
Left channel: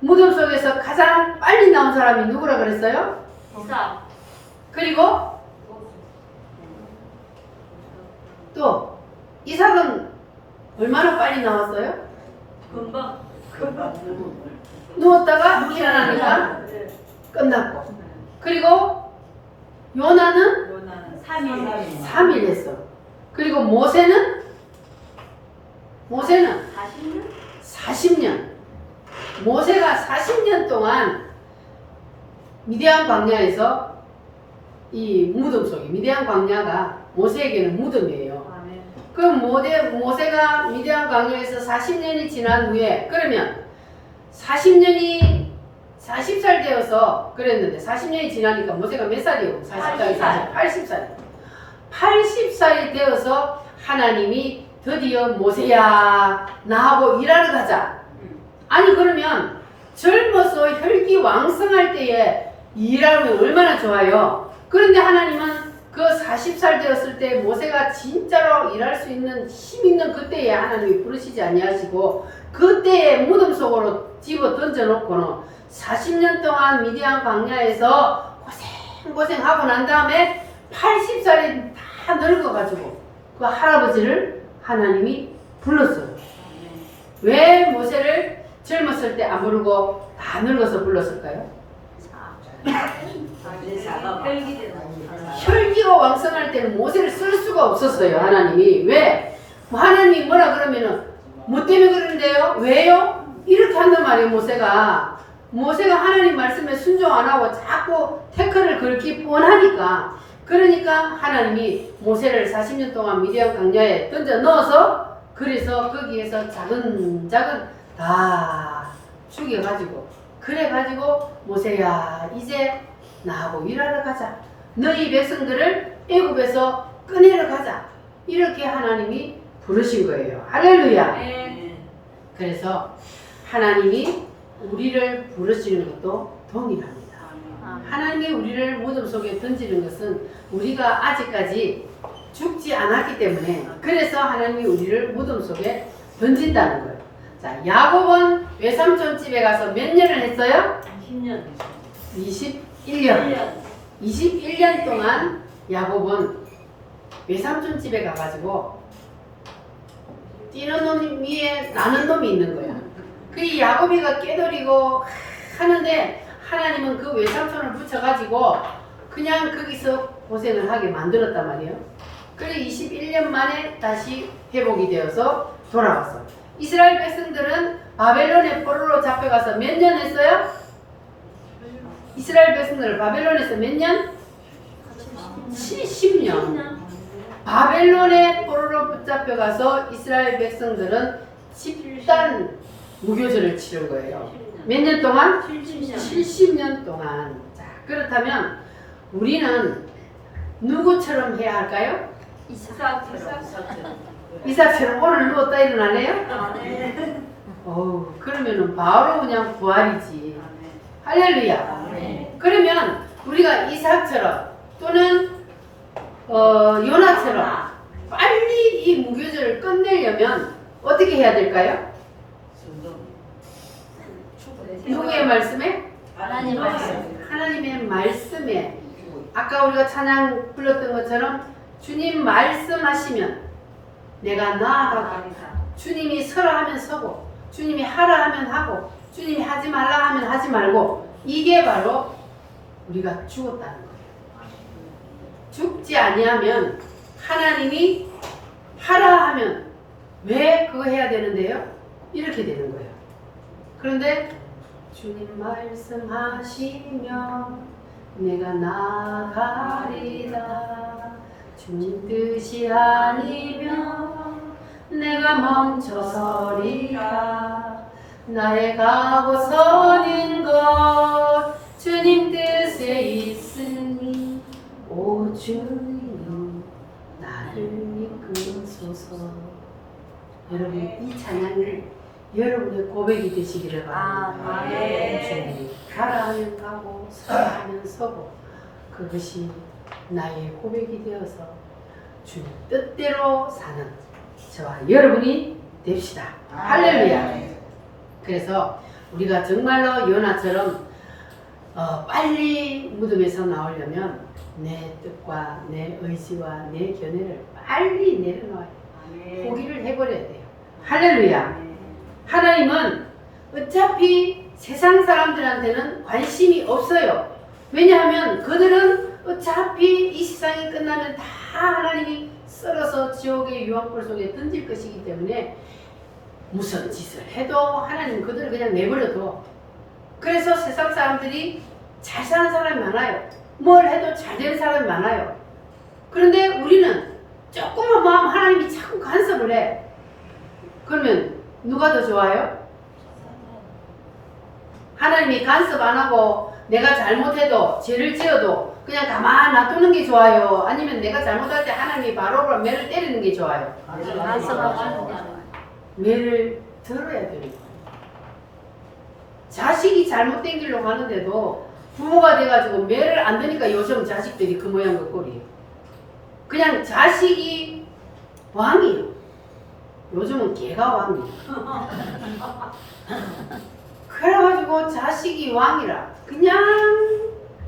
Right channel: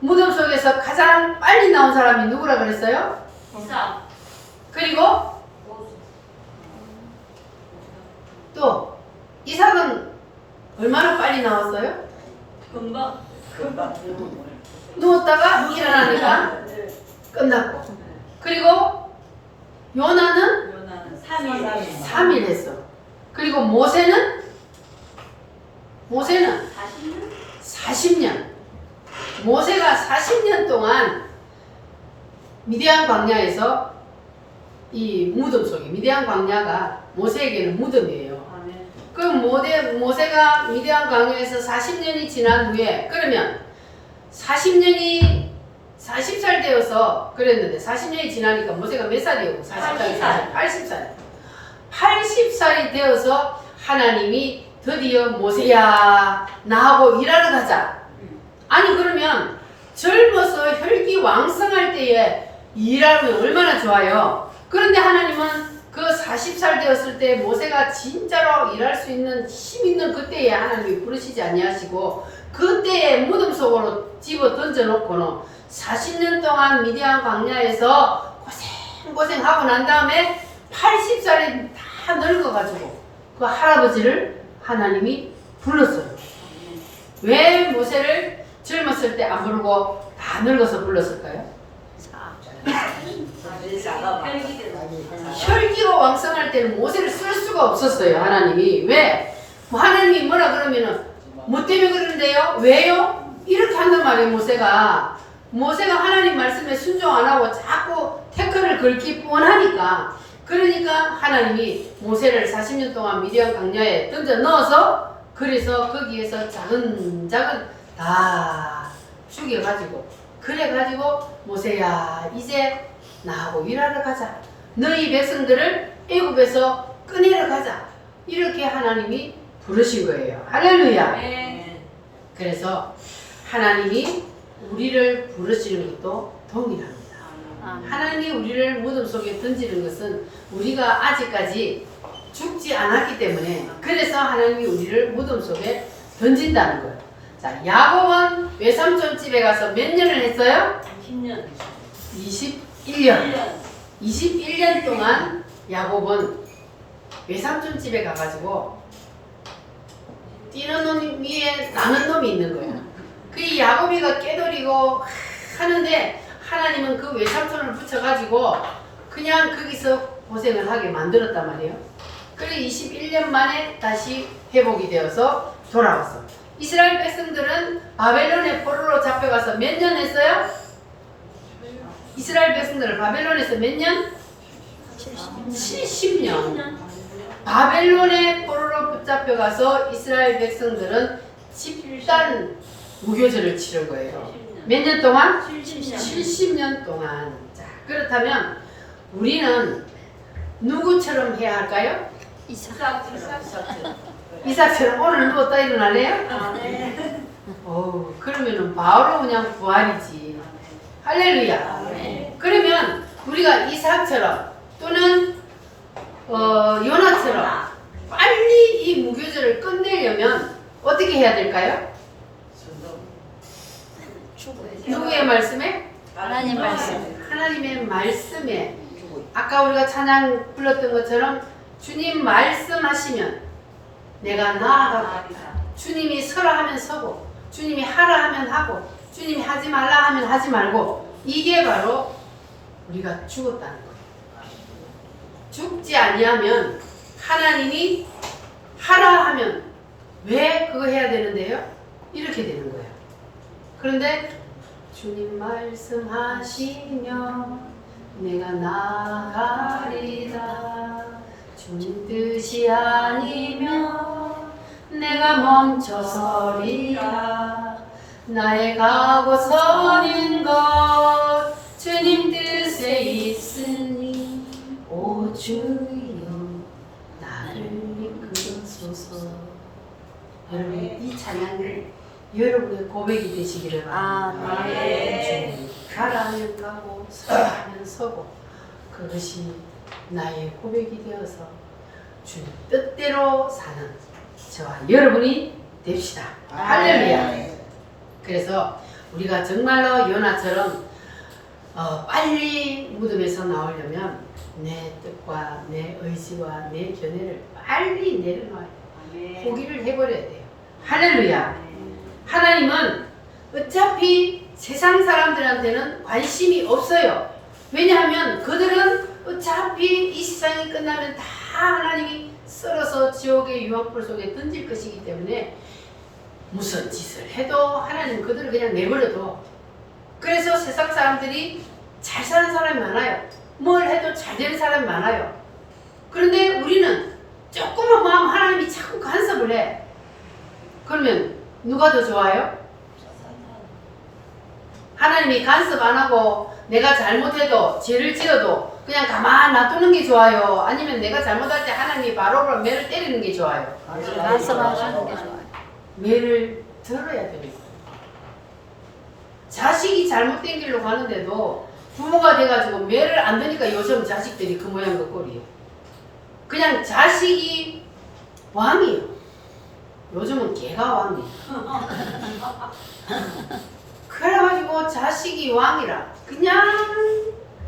무덤 속에서 가장 빨리 나온 사람이 누구라 그랬어요? 그리고 또 이삭은 얼마나 빨리 나왔어요? 금방 누웠다가 일어나니까 끝났고. 그리고 요나는 3일 했어. 그리고 모세는 40년. 모세가 40년 동안 미디안 광야에서 이 무덤 속에, 미디안 광야가 모세에게는 무덤이에요. 그 모세가 미디안 광야에서 40년이 지난 후에 그러면 40살 되어서 그랬는데 40년이 지나니까 모세가 몇 살이에요? 40살이 80살. 80살이 되어서 하나님이 드디어 모세야 나하고 일하러 가자. 아니 그러면 젊어서 혈기 왕성할 때에 일하면 얼마나 좋아요. 그런데 하나님은 그 40살 되었을 때 모세가 진짜로 일할 수 있는 힘 있는 그때에 하나님이 부르시지 아니하시고 그때에 무덤 속으로 집어 던져놓고는 40년 동안 미디안 광야에서 고생하고 난 다음에 80살에 다 늙어가지고 그 할아버지를 하나님이 불렀어요. 왜 모세를 젊었을 때 안 부르고 다 늙어서 불렀을까요? 혈기가 왕성할 때는 모세를 쓸 수가 없었어요. 하나님이. 왜? 하나님이 뭐라 그러면은 뭐 때문에 그러는데요? 왜요? 이렇게 한단 말이에요. 모세가 하나님 말씀에 순종 안 하고 자꾸 태클을 걸기 뻔하니까. 그러니까 하나님이 모세를 40년 동안 미디안 광야에 던져 넣어서 그래서 거기에서 자근자근 다 죽여가지고 그래가지고 모세야 이제 나하고 일하러 가자. 너희 백성들을 애굽에서 꺼내러 가자. 이렇게 하나님이 부르신 거예요. 할렐루야. 그래서 하나님이 우리를 부르시는 것도 동일합니다. 하나님이 우리를 무덤 속에 던지는 것은 우리가 아직까지 죽지 않았기 때문에 그래서 하나님이 우리를 무덤 속에 던진다는 거예요. 자, 야곱은 외삼촌 집에 가서 몇 년을 했어요? 21년. 21년 동안 야곱은 외삼촌 집에 가가지고 뛰는 놈 위에 나는 놈이 있는 거야. 그 야곱이가 깨돌이고 하는데 하나님은 그 외삼촌을 붙여가지고 그냥 거기서 고생을 하게 만들었단 말이에요. 그래 21년 만에 다시 회복이 되어서 돌아왔어. 이스라엘 백성들은 바벨론의 포로로 잡혀가서 몇 년 했어요? 이스라엘 백성들을 바벨론에서 몇 년? 70년. 바벨론의 포로로 붙잡혀가서 이스라엘 백성들은 집단 무교절을 치른 거예요. 몇 년 동안? 70년 동안. 자, 그렇다면 우리는 누구처럼 해야 할까요? 이삭처럼 오늘 누웠다 일어날래요? 그러면은 바로 그냥 부활이지. 할렐루야. 그러면 우리가 이삭처럼 또는 요나처럼 빨리 이 무교절을 끝내려면 어떻게 해야 될까요? 누구의 말씀에? 하나님 말씀. 하나님의 말씀에. 아까 우리가 찬양 불렀던 것처럼 주님 말씀하시면 내가 나아가고, 주님이 서라 하면 서고, 주님이 하라 하면 하고, 주님이 하지 말라 하면 하지 말고, 이게 바로 우리가 죽었다는 거예요. 죽지 아니하면 하나님이 하라 하면 왜 그거 해야 되는데요? 이렇게 되는 거예요. 그런데 주님 말씀하시며 내가 나가리다. 주님 뜻이 아니면 내가 멈춰서리라. 나의 가고 서는 것 주님 뜻에 있으니 오 주님 나를 이끄소서. 여러분 이 찬양이 여러분의 고백이 되시기를 바랍니다. 주님 가라하면 가고 서라하면 서고 그것이 나의 고백이 되어서 주님 뜻대로 사는 저와 여러분이 됩시다. 할렐루야. 그래서 우리가 정말로 요나처럼 빨리 무덤에서 나오려면 내 뜻과 내 의지와 내 견해를 빨리 내려놔야 돼요. 포기를 해버려야 돼요. 할렐루야. 하나님은 어차피 세상 사람들한테는 관심이 없어요. 왜냐하면 그들은 어차피 이 세상이 끝나면 다 하나님이 썰어서 지옥의 유황불 속에 던질 것이기 때문에 무슨 짓을 해도 하나님 그들을 그냥 내버려둬. 그래서 세상 사람들이 잘 사는 사람이 많아요. 뭘 해도 잘 되는 사람이 많아요. 그런데 우리는 조금만 마음 하나님이 자꾸 간섭을 해. 그러면 누가 더 좋아요? 하나님이 간섭 안 하고 내가 잘못해도 죄를 지어도 그냥 가만 놔두는 게 좋아요? 아니면 내가 잘못할 때 하나님이 바로 매를 때리는 게 좋아요? 말씀하시는 게 좋아요. 매를 들어야 되는 거예요. 자식이 잘못된 길로 가는데도 부모가 돼가지고 매를 안 드니까 요즘 자식들이 그 모양 그 꼴이에요. 그냥 자식이 왕이에요. 요즘은 개가 왕이에요. 그래가지고 자식이 왕이라 그냥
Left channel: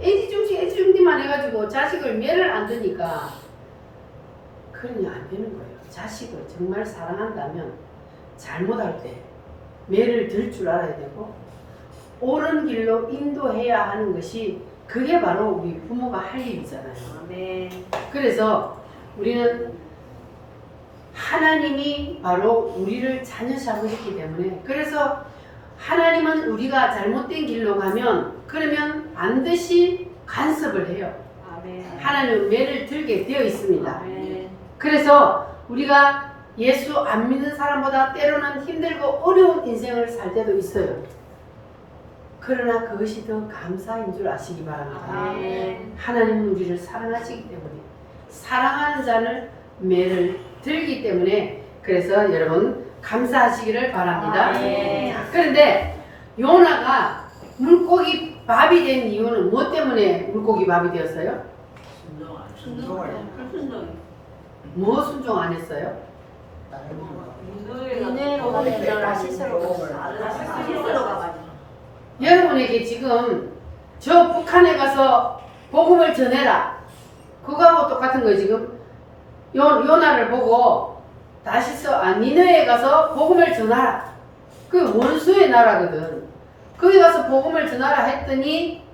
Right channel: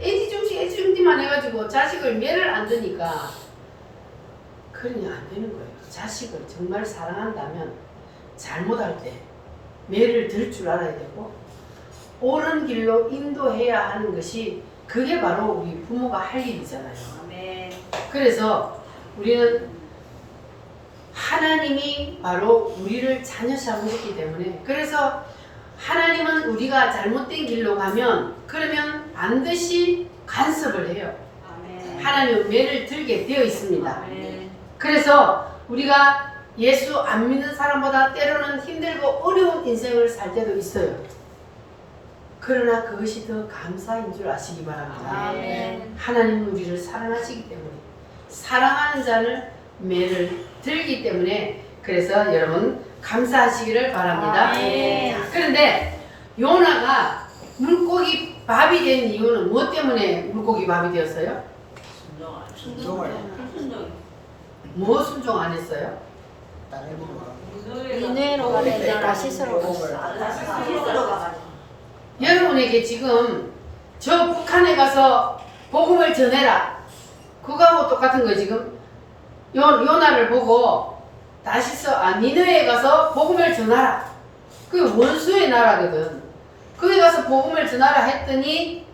애지중지만 해가지고 자식을 매를 안 드니까 그러니 안 되는 거예요. 자식을 정말 사랑한다면 잘못할 때 매를 들 줄 알아야 되고 옳은 길로 인도해야 하는 것이 그게 바로 우리 부모가 할 일이잖아요. 그래서 우리는 하나님이 바로 우리를 자녀 삼으셨기 때문에 그래서 하나님은 우리가 잘못된 길로 가면 그러면 반드시 간섭을 해요. 하나님은 매를 들게 되어 있습니다. 그래서 우리가 예수 안 믿는 사람보다 때로는 힘들고 어려운 인생을 살 때도 있어요. 그러나 그것이 더 감사인 줄 아시기 바랍니다. 하나님은 우리를 사랑하시기 때문에 사랑하는 자를 매를 들기 때문에 그래서 여러분 감사하시기를 바랍니다. 자, 그런데 요나가 물고기 밥이 된 이유는 무엇 때문에 물고기 밥이 되었어요? 뭐 순종 안 했어요? 니네로 라시스로 여러분에게 지금 저 북한에 가서 복음을 전해라 그거하고 똑같은 거예요. 지금 요나를 보고 니느웨에 가서 복음을 전하라. 그 원수의 나라거든. 거기 가서 복음을 전하라 했더니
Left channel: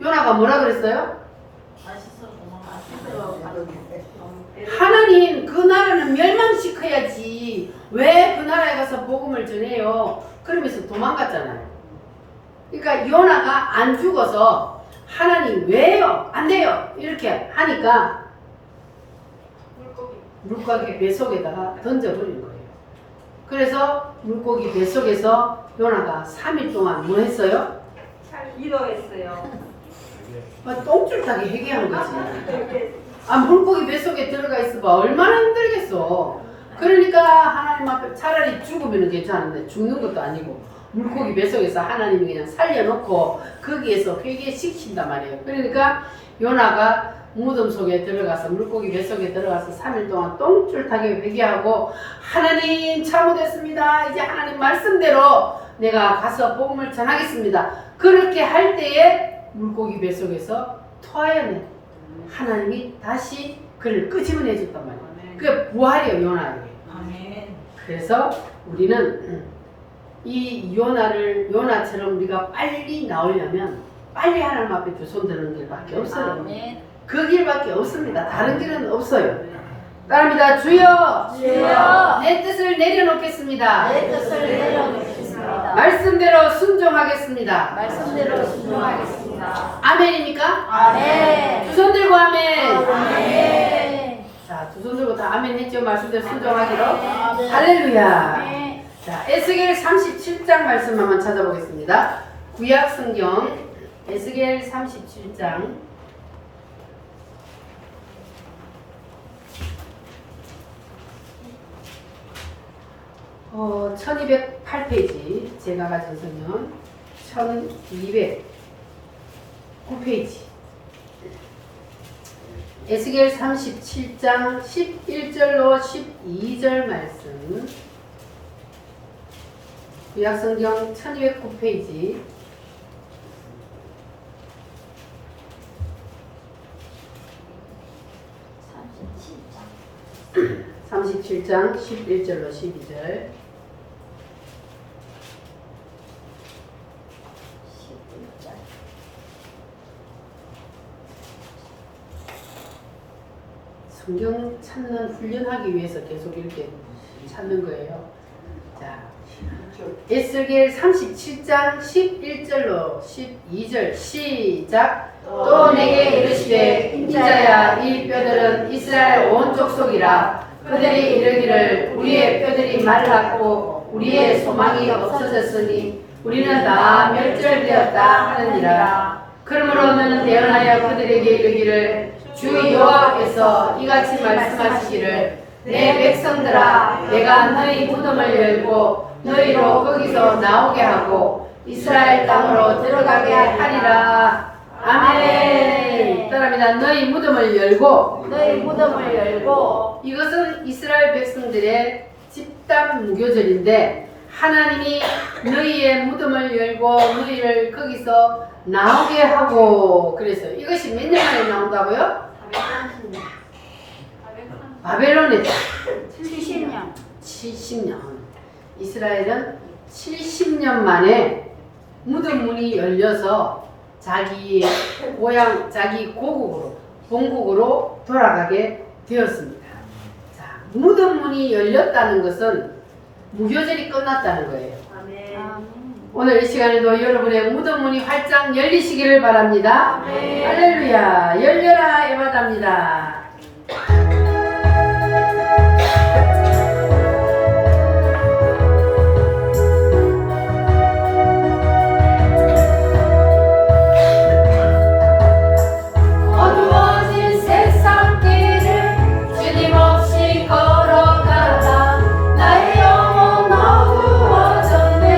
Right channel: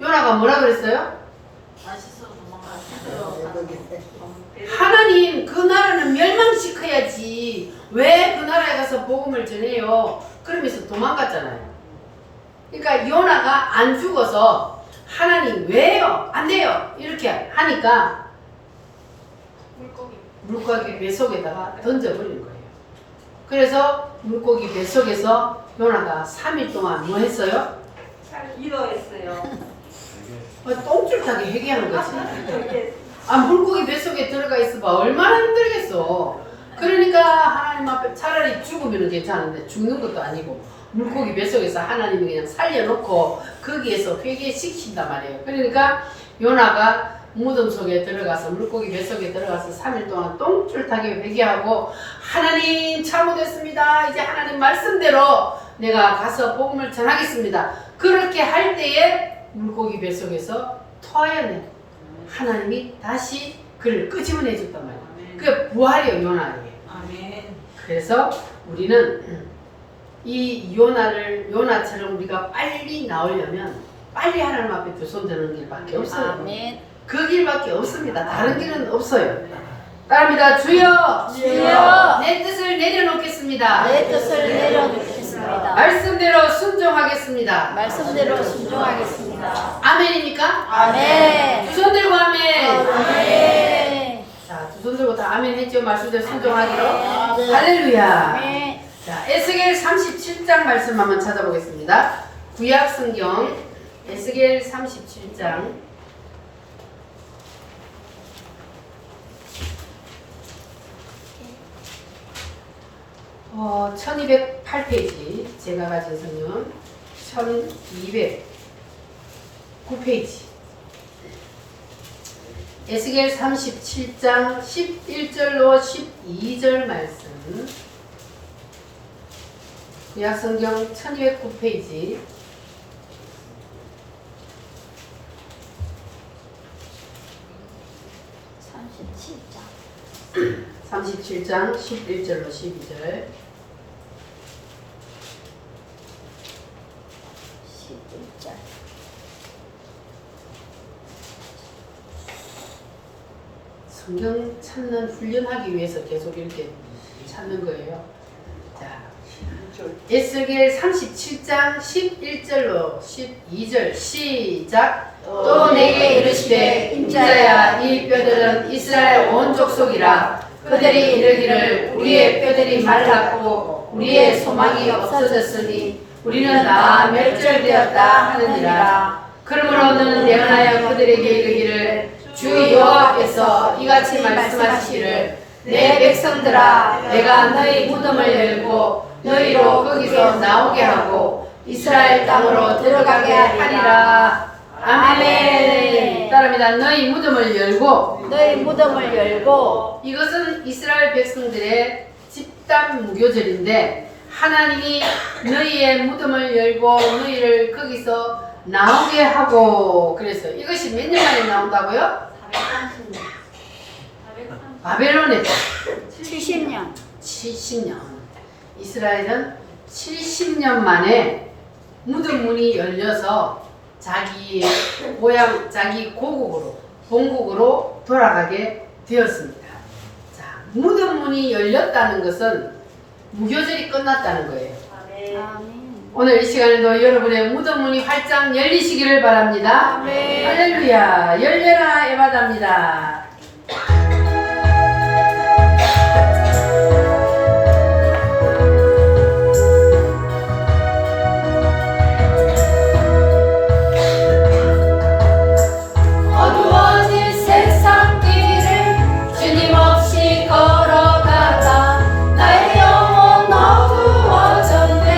요나가 뭐라 그랬어요? 하나님 그 나라는 멸망시켜야지 왜 그 나라에 가서 복음을 전해요? 그러면서 도망갔잖아요. 그러니까 요나가 안 죽어서 하나님 왜요? 안 돼요? 이렇게 하니까 물고기 뱃속에다가 던져버린 거예요. 그래서 물고기 뱃속에서 요나가 3일 동안 뭐 했어요? 기도했어요. 똥줄 타게 회개한 거지. 물고기 뱃속에 들어가 있어봐 얼마나 힘들겠어. 그러니까 하나님 앞에 차라리 죽으면 괜찮은데 죽는 것도 아니고 물고기 뱃속에서 하나님이 그냥 살려놓고 거기에서 회개시킨단 말이에요. 그러니까 요나가 무덤 속에 들어가서 물고기 뱃속에 들어가서 3일 동안 똥줄타게 회개하고 하나님 잘못했습니다. 이제 하나님 말씀대로 내가 가서 복음을 전하겠습니다. 그렇게 할 때에 물고기 뱃속에서 토하여내 하나님이 다시 그를 끄집어내 줬단 말이에요. 그게 부활이에요. 요나에게. 그래서 우리는 이 요나처럼 우리가 빨리 나오려면 빨리 하나님 앞에 두 손 드는 길밖에 없어요. 아멘. 그 길밖에 없습니다. 다른 길은 없어요. 따라합니다. 주여, 주여, 내 뜻을 내려놓겠습니다. 내 뜻을 내려놓겠습니다. 말씀대로 순종하겠습니다. 말씀대로 순종하겠습니다. 아멘입니까? 아멘. 두 손 들고 아멘. 아멘. 자, 두 손 들고 다 아멘 했죠? 말씀대로 순종하기로. 아멘. 할렐루야. 아멘. 자, 에스겔 37장 말씀 한번 찾아보겠습니다. 구약 성경 에스겔 37장 1208페이지 제가 가진 성경 1209페이지 에스겔 37장 11절로 12절 말씀 구약성경 1209페이지 37장 11절로 12절 11절. 성경 찾는 훈련하기 위해서 계속 이렇게 찾는 거예요. 자, 에스겔 37장 11절로 12절 시작. 또 내게 이르시되 인자야 이 뼈들은 이스라엘 온 족속이라. 그들이 이르기를 우리의 뼈들이 말랐고 우리의 소망이 없어졌으니 우리는 다 멸절되었다 하느니라. 그러므로 너는 대언하여 그들에게 이르기를 주 여호와께서 이같이 말씀하시기를 내 백성들아 내가 너희 무덤을 열고 너희로 거기서 나오게 하고 이스라엘 땅으로 들어가게 하리라. 아멘. 따라합니다. 너희 무덤을 열고 너희 무덤을 열고 이것은 이스라엘 백성들의 집단 무교절인데 하나님이 너희의 무덤을 열고 너희를 거기서 나오게 하고 그래서 이것이 몇 년 만에 나온다고요? 바벨론에 70년. 70년. 이스라엘은 70년 만에 무덤 문이 열려서 자기의 고향, 자기 고국으로, 본국으로 돌아가게 되었습니다. 자, 무덤 문이 열렸다는 것은 무교절이 끝났다는 거예요. 아멘. 오늘 이 시간에도 여러분의 무덤 문이 활짝 열리시기를 바랍니다. 아멘. 할렐루야, 열려라 에바다입니다. 어두워진 세상 길을 주님 없이 걸어가다 나의 영혼 어두워졌네.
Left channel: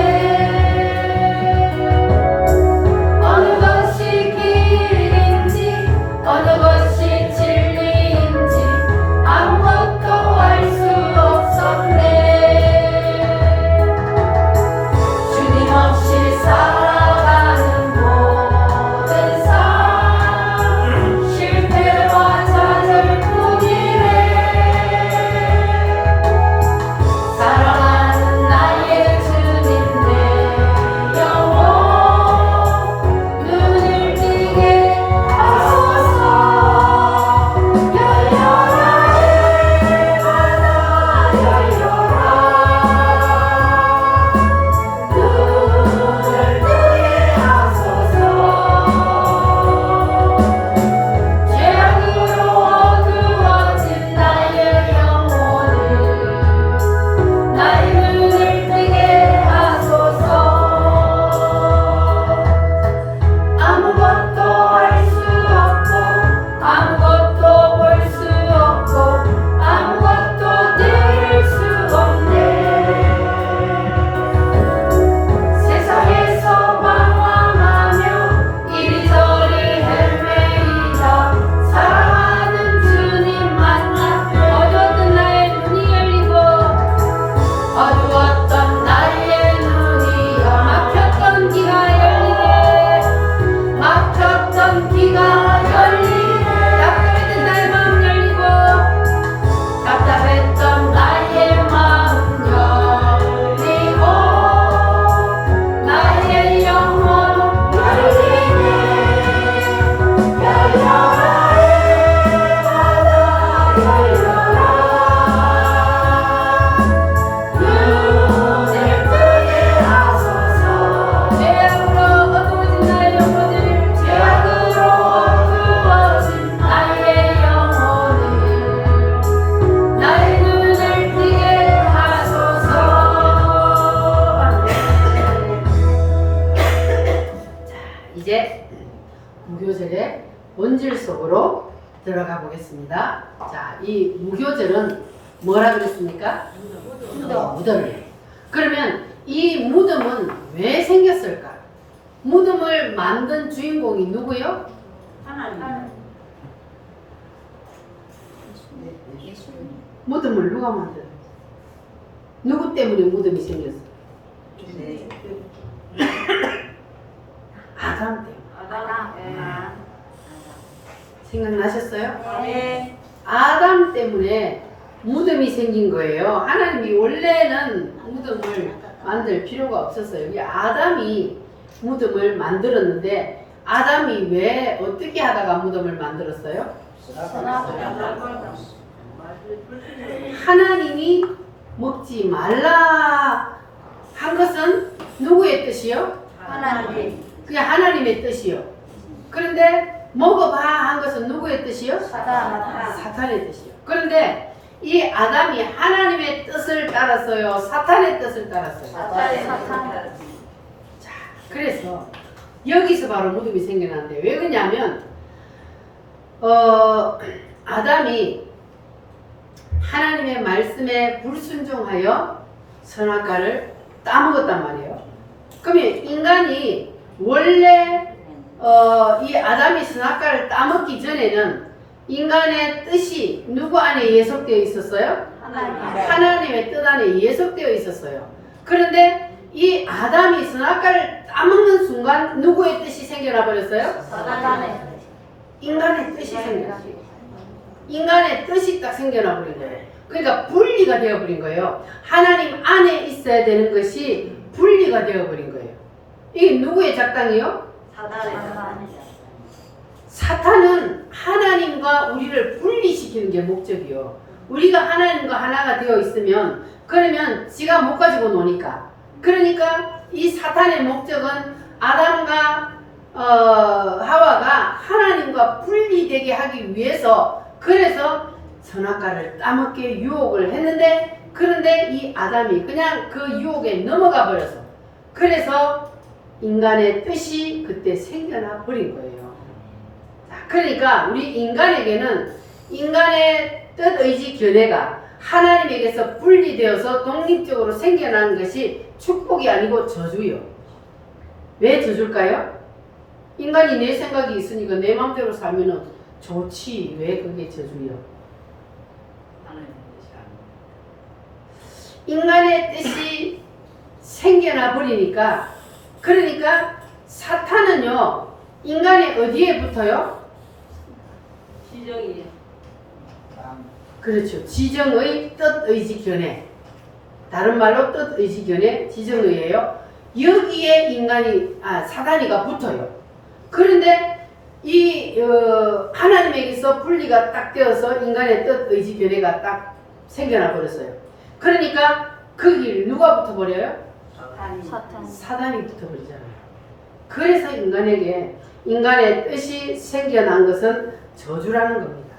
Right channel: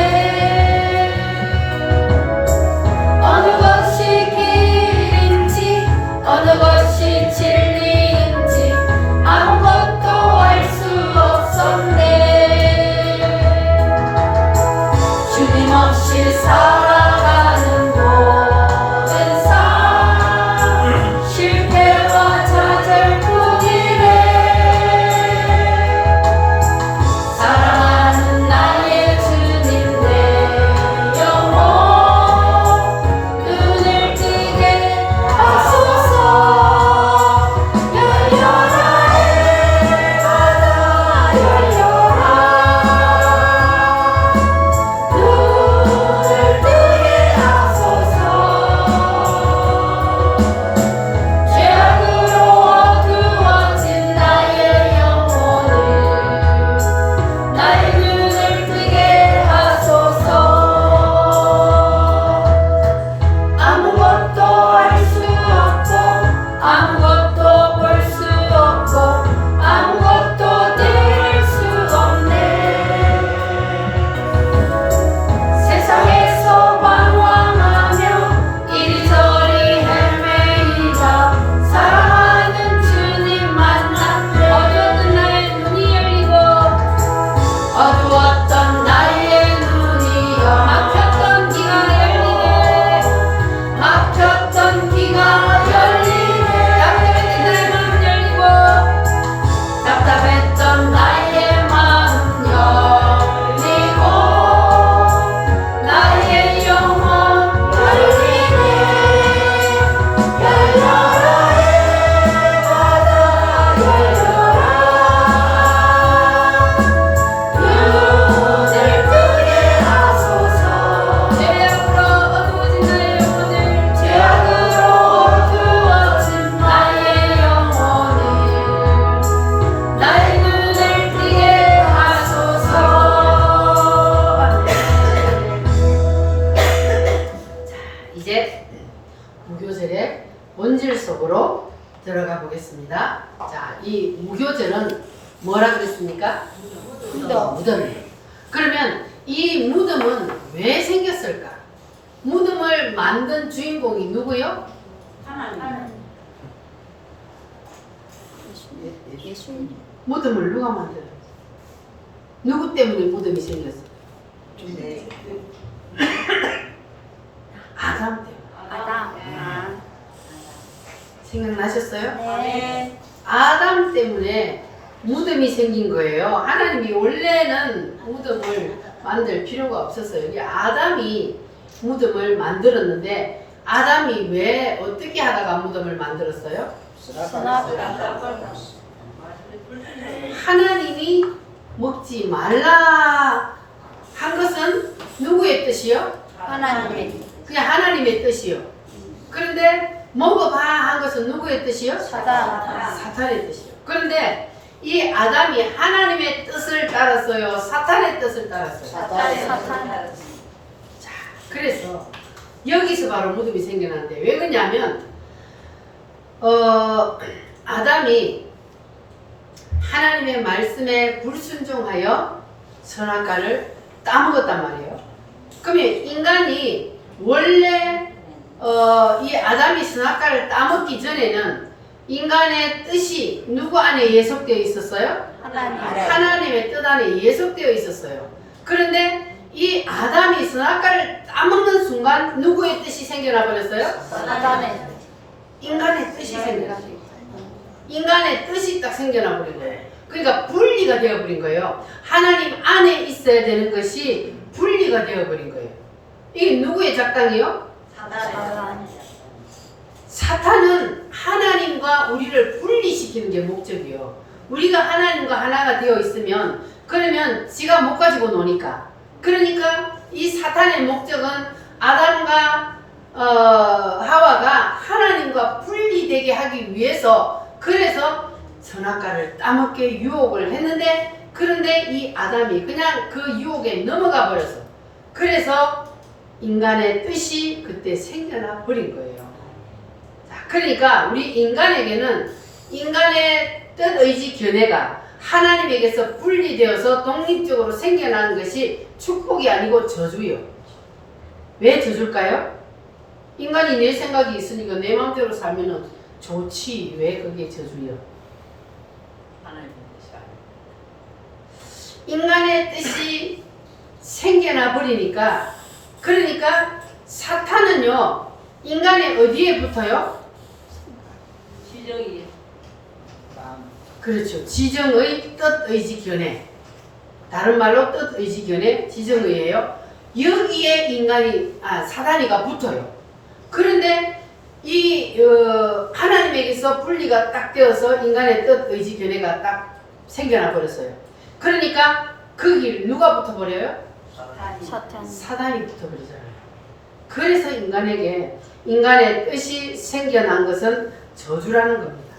어느 것이 길인지 어느 것이 진리 본질 속으로 들어가 보겠습니다. 자, 이 무교절은 뭐라 그랬습니까? 무덤이에요. 그러면 이 무덤은 왜 생겼을까? 무덤을 만든 주인공이 누구요? 예수님. 무덤을 누가 만들어요? 누구 때문에 무덤이 생겼어요? 네. 아담 때문에. 아담. 생각나셨어요? 네. 아담 때문에 무덤이 생긴 거예요. 하나님이 원래는 무덤을 만들 필요가 없었어요. 이게 아담이 무덤을 만들었는데 아담이 왜 어떻게 하다가 무덤을 만들었어요? 하나님이 먹지 말라 한 것은 누구의 뜻이요? 하나님. 그냥 하나님의 뜻이요. 그런데 먹어봐 한 것은 누구의 뜻이요? 사단. 사탄의 뜻이요. 그런데 이 아담이 하나님의 뜻을 따랐어요? 사탄의 뜻을 따랐어요? 사단. 자, 그래서 여기서 바로 무덤이 생겨났는데 왜 그러냐면 아담이 하나님의 말씀에 불순종하여 선악과를 따먹었단 말이에요. 그러면 인간이 원래 이 아담이 선악과를 따먹기 전에는 인간의 뜻이 누구 안에 예속되어 있었어요? 하나님의 뜻 안에 예속되어 있었어요. 그런데 이 아담이 선악과를 따먹는 순간 누구의 뜻이 생겨나 버렸어요? 사단의. 인간의 뜻이 생겨났어요. 인간의 뜻이 딱 생겨나 버린 거예요. 그러니까 분리가 되어 버린 거예요. 하나님 안에 있어야 되는 것이 분리가 되어 버린 거예요. 이게 누구의 작당이요? 사탄은 하나님과 우리를 분리시키는 게 목적이요. 우리가 하나님과 하나가 되어 있으면 그러면 지가 못 가지고 노니까. 그러니까 이 사탄의 목적은 아담과 하와가 하나님과 분리되게 하기 위해서 그래서 선악과를 따먹게 유혹을 했는데 그런데 이 아담이 그냥 그 유혹에 넘어가 버려서 그래서 인간의 뜻이 그때 생겨나 버린 거예요. 자, 그러니까 우리 인간에게는 인간의 뜻, 의지, 견해가 하나님에게서 분리되어서 독립적으로 생겨난 것이 축복이 아니고 저주요. 왜 저줄까요? 인간이 내 생각이 있으니까 내 마음대로 살면 좋지. 왜 그게 저주요? 인간의 뜻이 생겨나 버리니까 그러니까 사탄은요 인간의 어디에 붙어요? 지정이. 그렇죠. 지정의 뜻, 의지, 견해. 다른 말로 뜻, 의지, 견해, 지정의예요. 여기에 인간이 사단이가 붙어요. 그런데 이 하나님에게서 분리가 딱 되어서 인간의 뜻, 의지, 견해가 딱 생겨나 버렸어요. 그러니까 거기를 누가 붙어버려요? 사탄. 사단이 붙어버리잖아요. 그래서 인간에게 인간의 뜻이 생겨난 것은 저주라는 겁니다.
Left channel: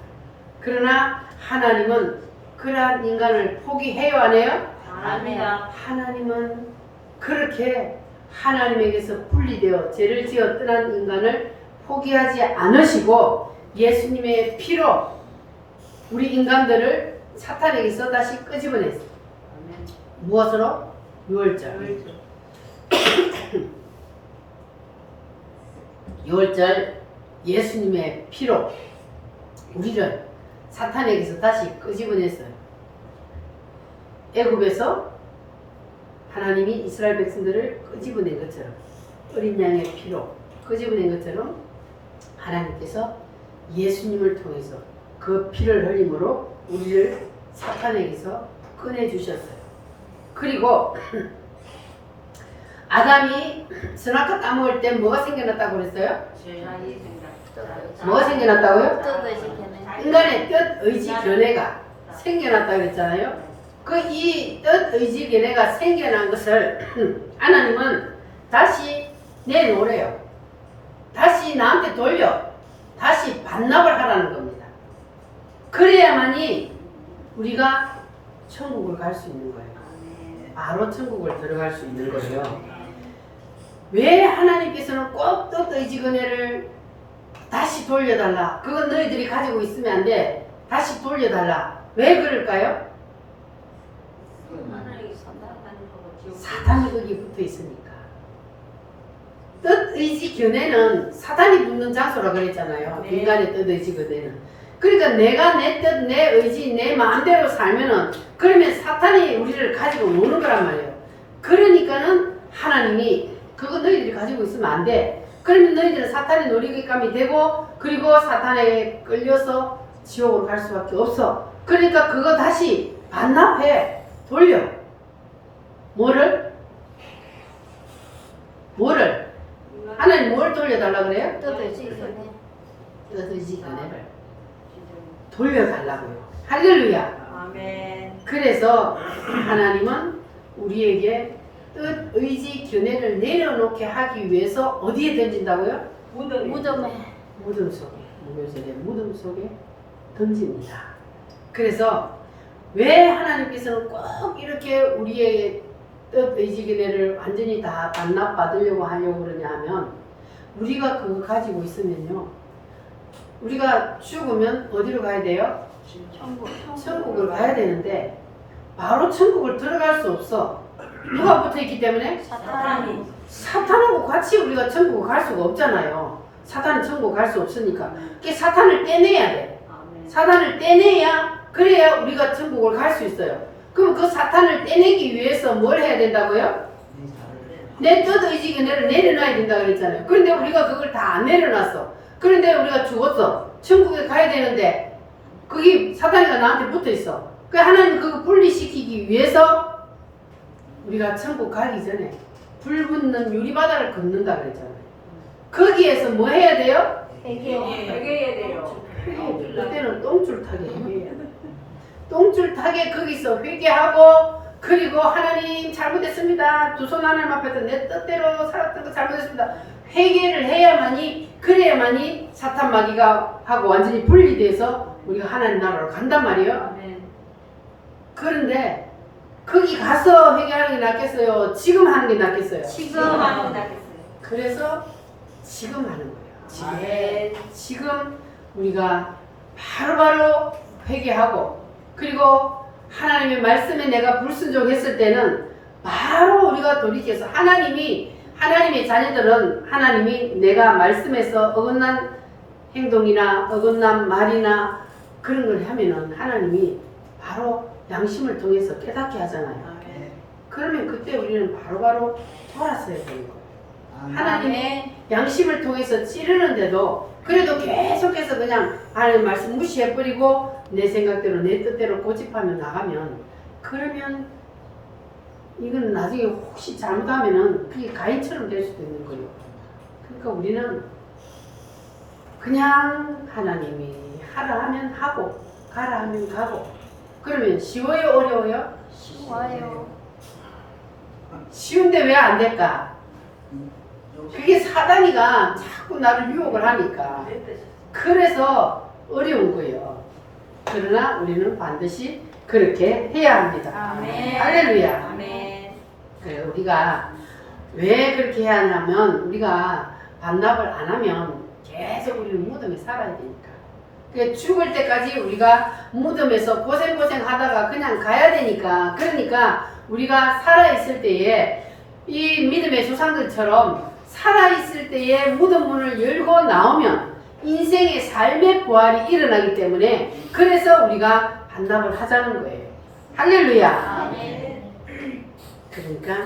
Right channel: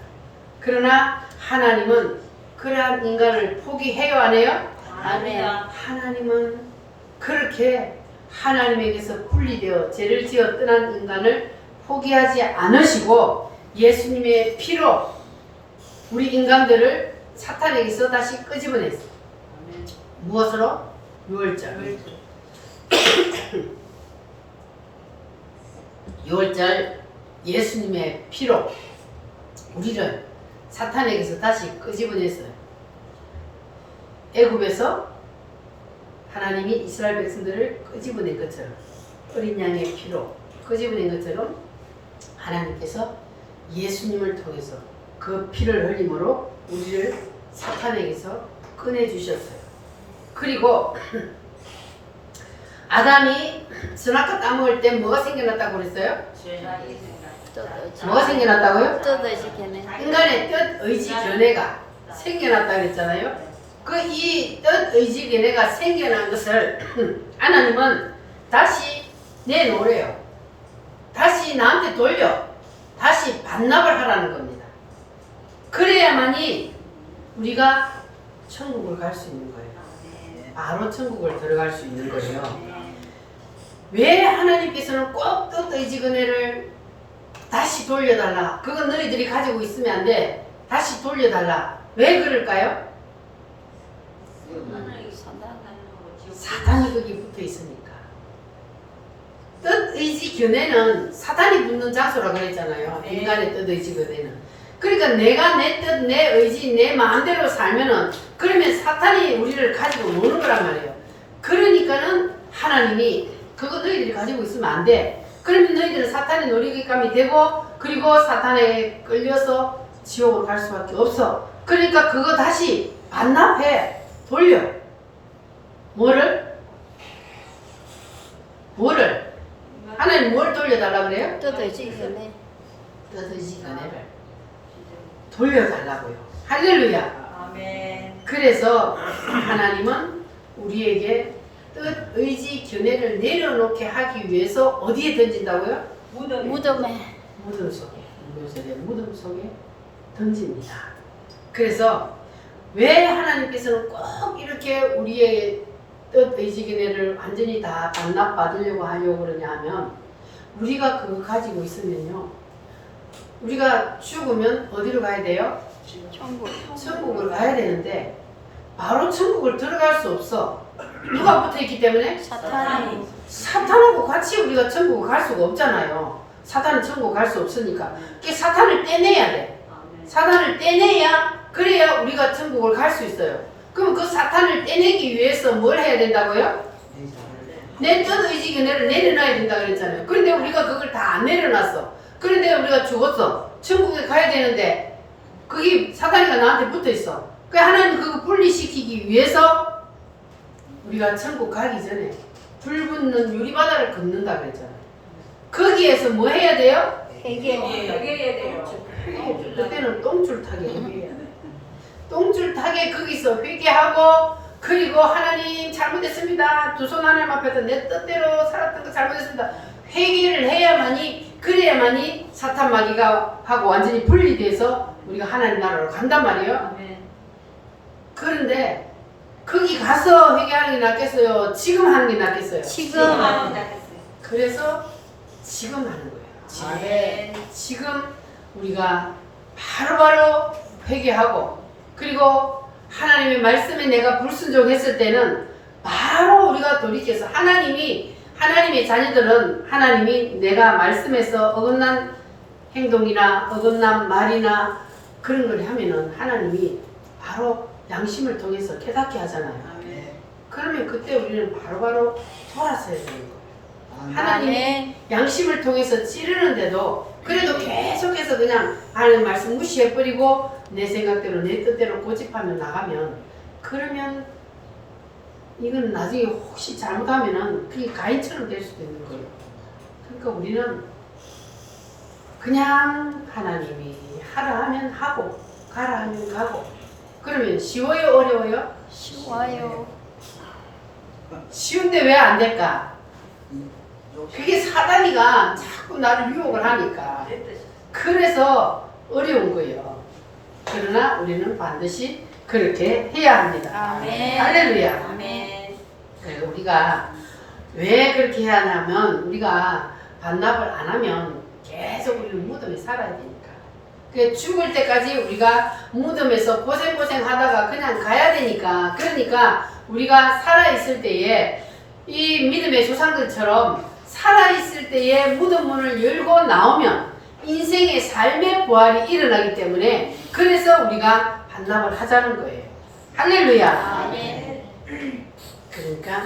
그러나 하나님은 그러한 인간을 포기해요 안 해요? 아니야. 하나님은 그렇게 하나님에게서 분리되어 죄를 지어 떠난 인간을 포기하지 않으시고 예수님의 피로 우리 인간들을 사탄에게서 다시 끄집어냈어요. 무엇으로? 유월절. 유월절 예수님의 피로 우리를 사탄에게서 다시 끄집어냈어요. 애굽에서 하나님이 이스라엘 백성들을 끄집어낸 것처럼 어린 양의 피로 끄집어낸 것처럼 하나님께서 예수님을 통해서 그 피를 흘림으로 우리를 사탄에게서 꺼내주셨어요. 그리고 아담이 선악과 따먹을 때 뭐가 생겨났다고 그랬어요? 뭐가 생겨났다고요? 인간의 뜻, 의지, 견해가 생겨났다고 그랬잖아요. 그 이 뜻, 의지, 견해가 생겨난 것을 하나님은 다시 내놓으래요. 다시 나한테 돌려. 다시 반납을 하라는 겁니다. 그래야만이 우리가 천국을 갈 수 있는 거예요. 바로 천국을 들어갈 수 있는 거예요. 왜 하나님께서는 꼭 뜻, 의지, 견해를 다시 돌려달라. 그건 너희들이 가지고 있으면 안 돼. 다시 돌려달라. 왜 그럴까요? 사탄이 거기 붙어 있으니까. 뜻, 의지, 견해는 사탄이 붙는 장소라 그랬잖아요. 네. 인간의 뜻, 의지, 견해는. 그러니까 내가 내 뜻, 내 의지, 내 마음대로 살면은 그러면 사탄이 우리를 가지고 노는 거란 말이에요. 그러니까는 하나님이 그거 너희들이 가지고 있으면 안 돼. 그러면 너희들은 사탄의 놀이감이 되고 그리고 사탄에 끌려서 지옥으로 갈 수밖에 없어. 그러니까 그거 다시 반납해. 돌려. 뭐를? 하나님 뭘 돌려달라 그래요? 뜻의지 견해. 뜻의지 견해를 돌려달라고요. 할렐루야. 아멘. 그래서 하나님은 우리에게 뜻, 의지, 견해를 내려놓게 하기 위해서 어디에 던진다고요? 무덤에. 무덤 속에, 무덤 속에 던집니다. 그래서 왜 하나님께서는 꼭 이렇게 우리의 뜻, 의지, 견해를 완전히 다 반납받으려고 하려고 그러냐 하면 우리가 그거 가지고 있으면요. 우리가 죽으면 어디로 가야 돼요? 천국을 가야 되는데 바로 천국을 들어갈 수 없어. 누가 붙어있기 때문에? 사탄이. 사탄하고 같이 우리가 천국을 갈 수가 없잖아요. 사탄이 천국 갈 수 없으니까. 그 사탄을 떼내야 돼. 사탄을 떼내야 그래야 우리가 천국을 갈 수 있어요. 그럼 그 사탄을 떼내기 위해서 뭘 해야 된다고요? 내 뜻, 의지, 견해를 내려놔야 된다 그랬잖아요. 그런데 우리가 그걸 다 안 내려놨어. 그런데 우리가 죽었어. 천국에 가야 되는데 거기 사탄이가 나한테 붙어있어. 그 하나님 그거 분리시키기 위해서 우리가 천국 가기 전에 불 붙는 유리바다를 걷는다 그랬잖아요. 거기에서 뭐 해야 돼요? 회개해야 돼요. 그때는 똥줄 타게 회개해야 돼. 똥줄 타게 거기서 회개하고 그리고 하나님 잘못했습니다. 두 손 하나님 앞에서 내 뜻대로 살았던 거 잘못했습니다. 회개를 해야만이 그래야만이 사탄 마귀가 하고 완전히 분리돼서 우리가 하나님 나라로 간단 말이에요. 아멘. 그런데 거기 가서 회개하는 게 낫겠어요? 지금 하는 게 낫겠어요? 지금. 그래서 지금 하는 거예요. 지금 우리가 바로바로 회개하고 그리고 하나님의 말씀에 내가 불순종했을 때는 바로 우리가 돌이켜서 하나님의 자녀들은 하나님이 내가 말씀에서 어긋난 행동이나 어긋난 말이나 그런 걸 하면은 하나님이 바로 양심을 통해서 깨닫게 하잖아요. 그러면 그때 우리는 바로바로 돌았어야 되는 거예요. 하나님이 양심을 통해서 찌르는데도 그래도 계속해서 그냥 하나님 말씀 무시해버리고 내 생각대로 내 뜻대로 고집하며 나가면 그러면 이건 나중에 혹시 잘못하면은 그게 가인처럼 될 수도 있는 거예요. 그러니까 우리는 그냥 하나님이 하라 하면 하고 가라 하면 가고 그러면 쉬워요 어려워요? 쉬워요. 쉬운데 왜 안 될까? 그게 사단이가 자꾸 나를 유혹을 하니까 그래서 어려운 거예요. 그러나 우리는 반드시 그렇게 해야 합니다. 아멘. 할렐루야. 아멘. 그래, 우리가 왜 그렇게 해야 하냐면 우리가 반납을 안 하면 계속 우리는 무덤에 살아야 되니까. 그 죽을 때까지 우리가 무덤에서 고생 하다가 그냥 가야 되니까. 그러니까 우리가 살아있을 때에 이 믿음의 조상들처럼 살아있을 때에 무덤 문을 열고 나오면 인생의 삶의 부활이 일어나기 때문에 그래서 우리가 반납을 하자는 거예요. 할렐루야. 아멘. 그러니까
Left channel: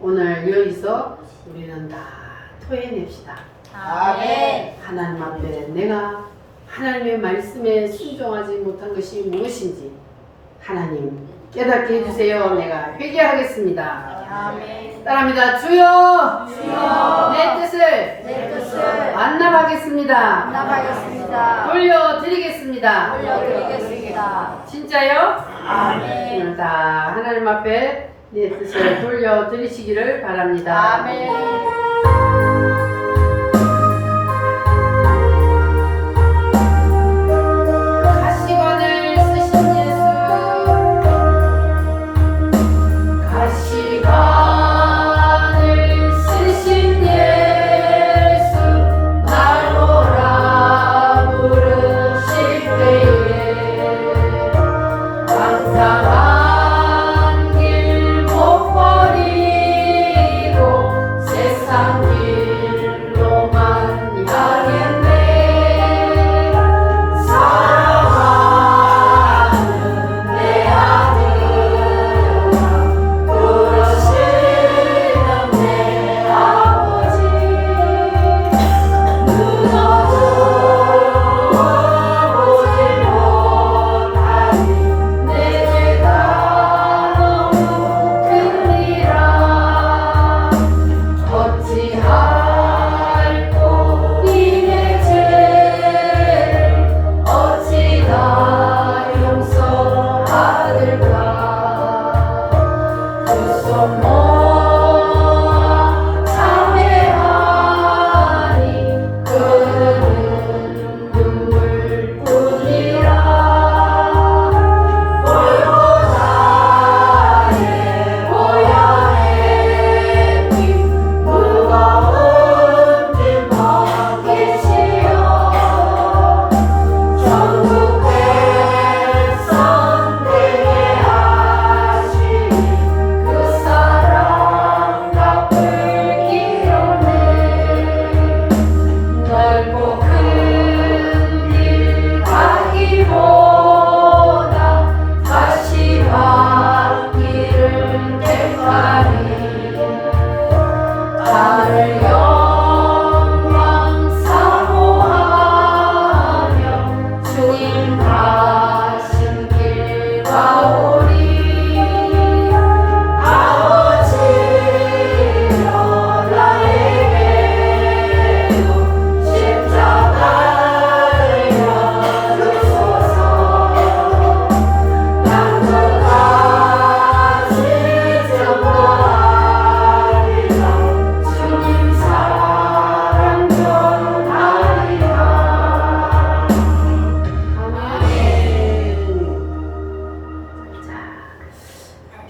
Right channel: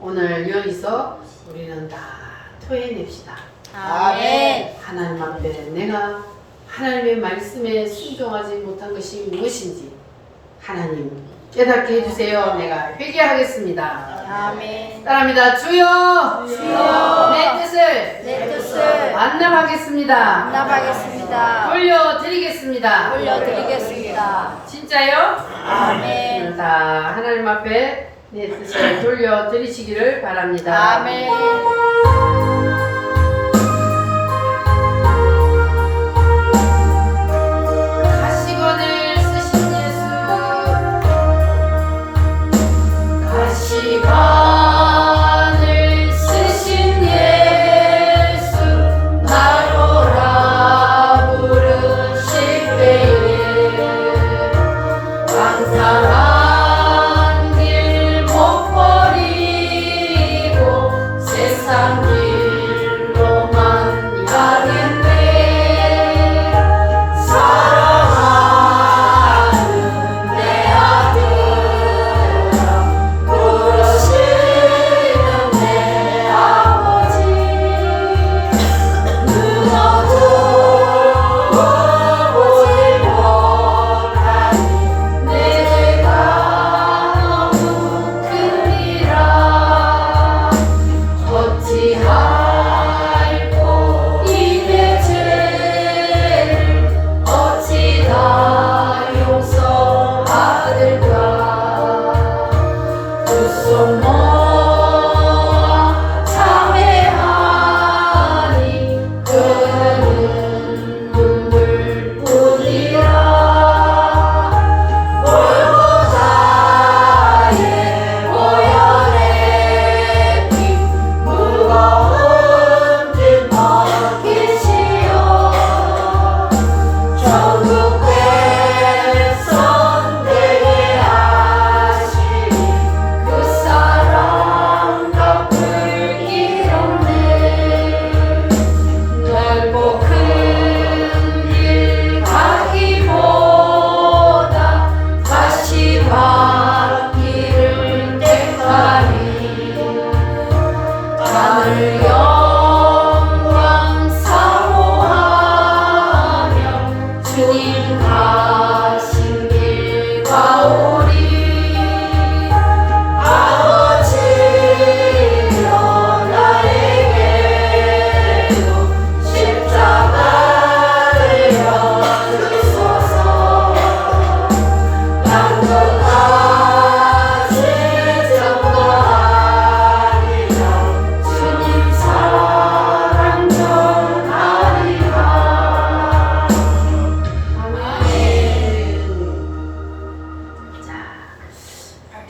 오늘 여기서 우리는 다 토해냅시다. 아멘. 하나님 앞에 내가 하나님의 말씀에 순종하지 못한 것이 무엇인지 하나님 깨닫게 해주세요. 내가 회개하겠습니다. 아멘. 따라합니다. 주여, 주여, 내 뜻을 내 뜻을 완납하겠습니다. 반납하겠습니다. 돌려드리겠습니다. 돌려드리겠습니다. 진짜요? 아멘. 다 하나님 앞에 내 뜻을 돌려드리시기를 바랍니다. 아멘. 가시관을 쓰신 예수 나로라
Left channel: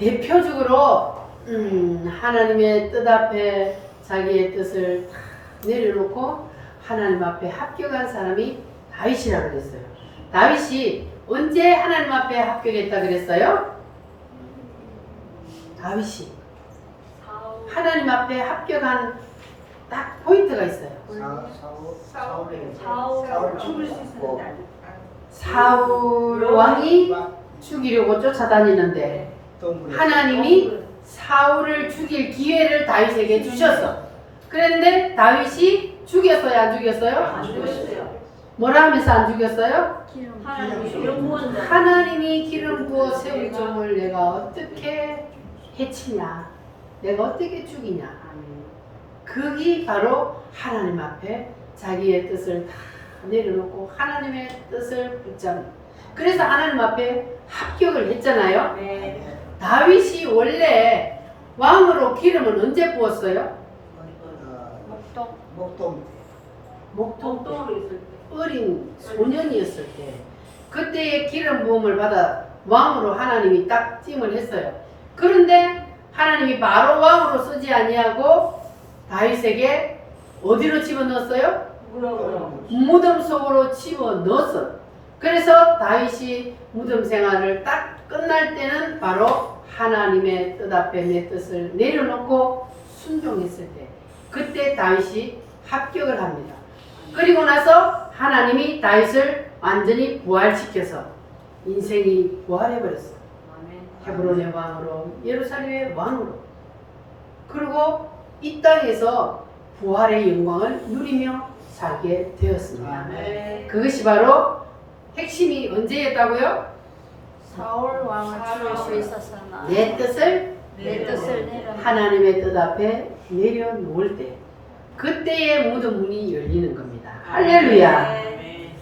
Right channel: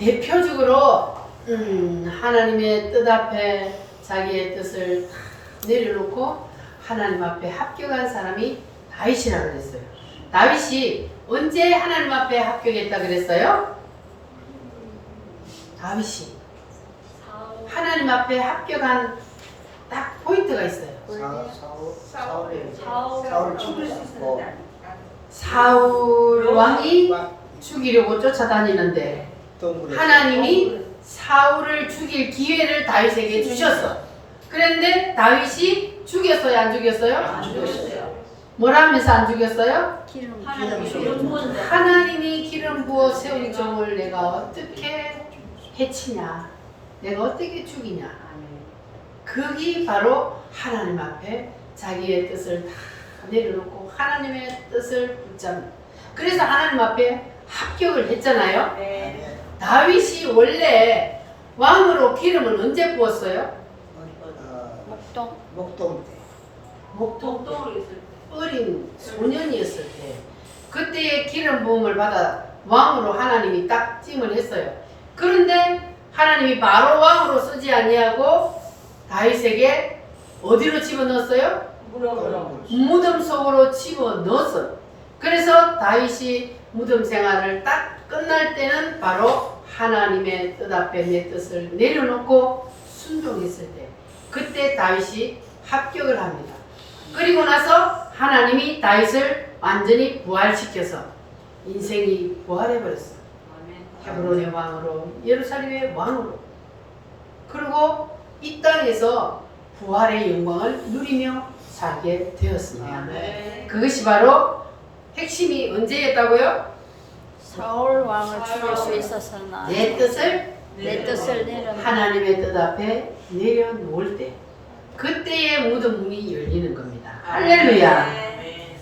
대표적으로 하나님의 뜻 앞에 자기의 뜻을 다 내려놓고 하나님 앞에 합격한 사람이 다윗이라고 그랬어요. 다윗이 언제 하나님 앞에 합격했다 그랬어요? 다윗이 하나님 앞에 합격한 딱 포인트가 있어요. 사울 죽일 수 있고 사울 왕이 죽이려고 쫓아다니는데 하나님이 사울을 죽일 기회를 다윗에게 주셨어. 그런데 다윗이 죽였어요, 안 죽였어요? 안 죽였어요. 뭐라 하면서 안 죽였어요? 하나님이 기름 부은 자. 하나님이 기름 부어 세운 종을 내가 어떻게 해치냐? 내가 어떻게 죽이냐? 그게 바로 하나님 앞에 자기의 뜻을 다 내려놓고 하나님의 뜻을 붙잡는. 그래서 하나님 앞에 합격을 했잖아요. 네. 다윗이 원래 왕으로 기름은 언제 부었어요? 목동 목동 목동으로 있을 때. 어린 소년이었을 때 그때의 기름 부음을 받아 왕으로 하나님이 딱 찜을 했어요. 그런데 하나님이 바로 왕으로 쓰지 아니하고 다윗에게 어디로 집어넣었어요? 무릎으로. 무덤 속으로 집어넣었어요. 그래서 다윗이 무덤 생활을 딱 끝날 때는 바로 하나님의 뜻 앞에 내 뜻을 내려놓고 순종했을 때 그때 다윗이 합격을 합니다. 그리고 나서 하나님이 다윗을 완전히 부활시켜서 인생이 부활해버렸어요. 헤브론의 왕으로, 예루살렘의 왕으로. 그리고 이 땅에서 부활의 영광을 누리며 살게 되었습니다. 네. 그것이 바로 핵심이 언제였다고요? 사울 왕을 죽일 수 있었으나 내 뜻을 내 뜻을 내려 하나님의 뜻 앞에 내려놓을 때 그때의 무덤 문이 열리는 겁니다. 할렐루야. 네.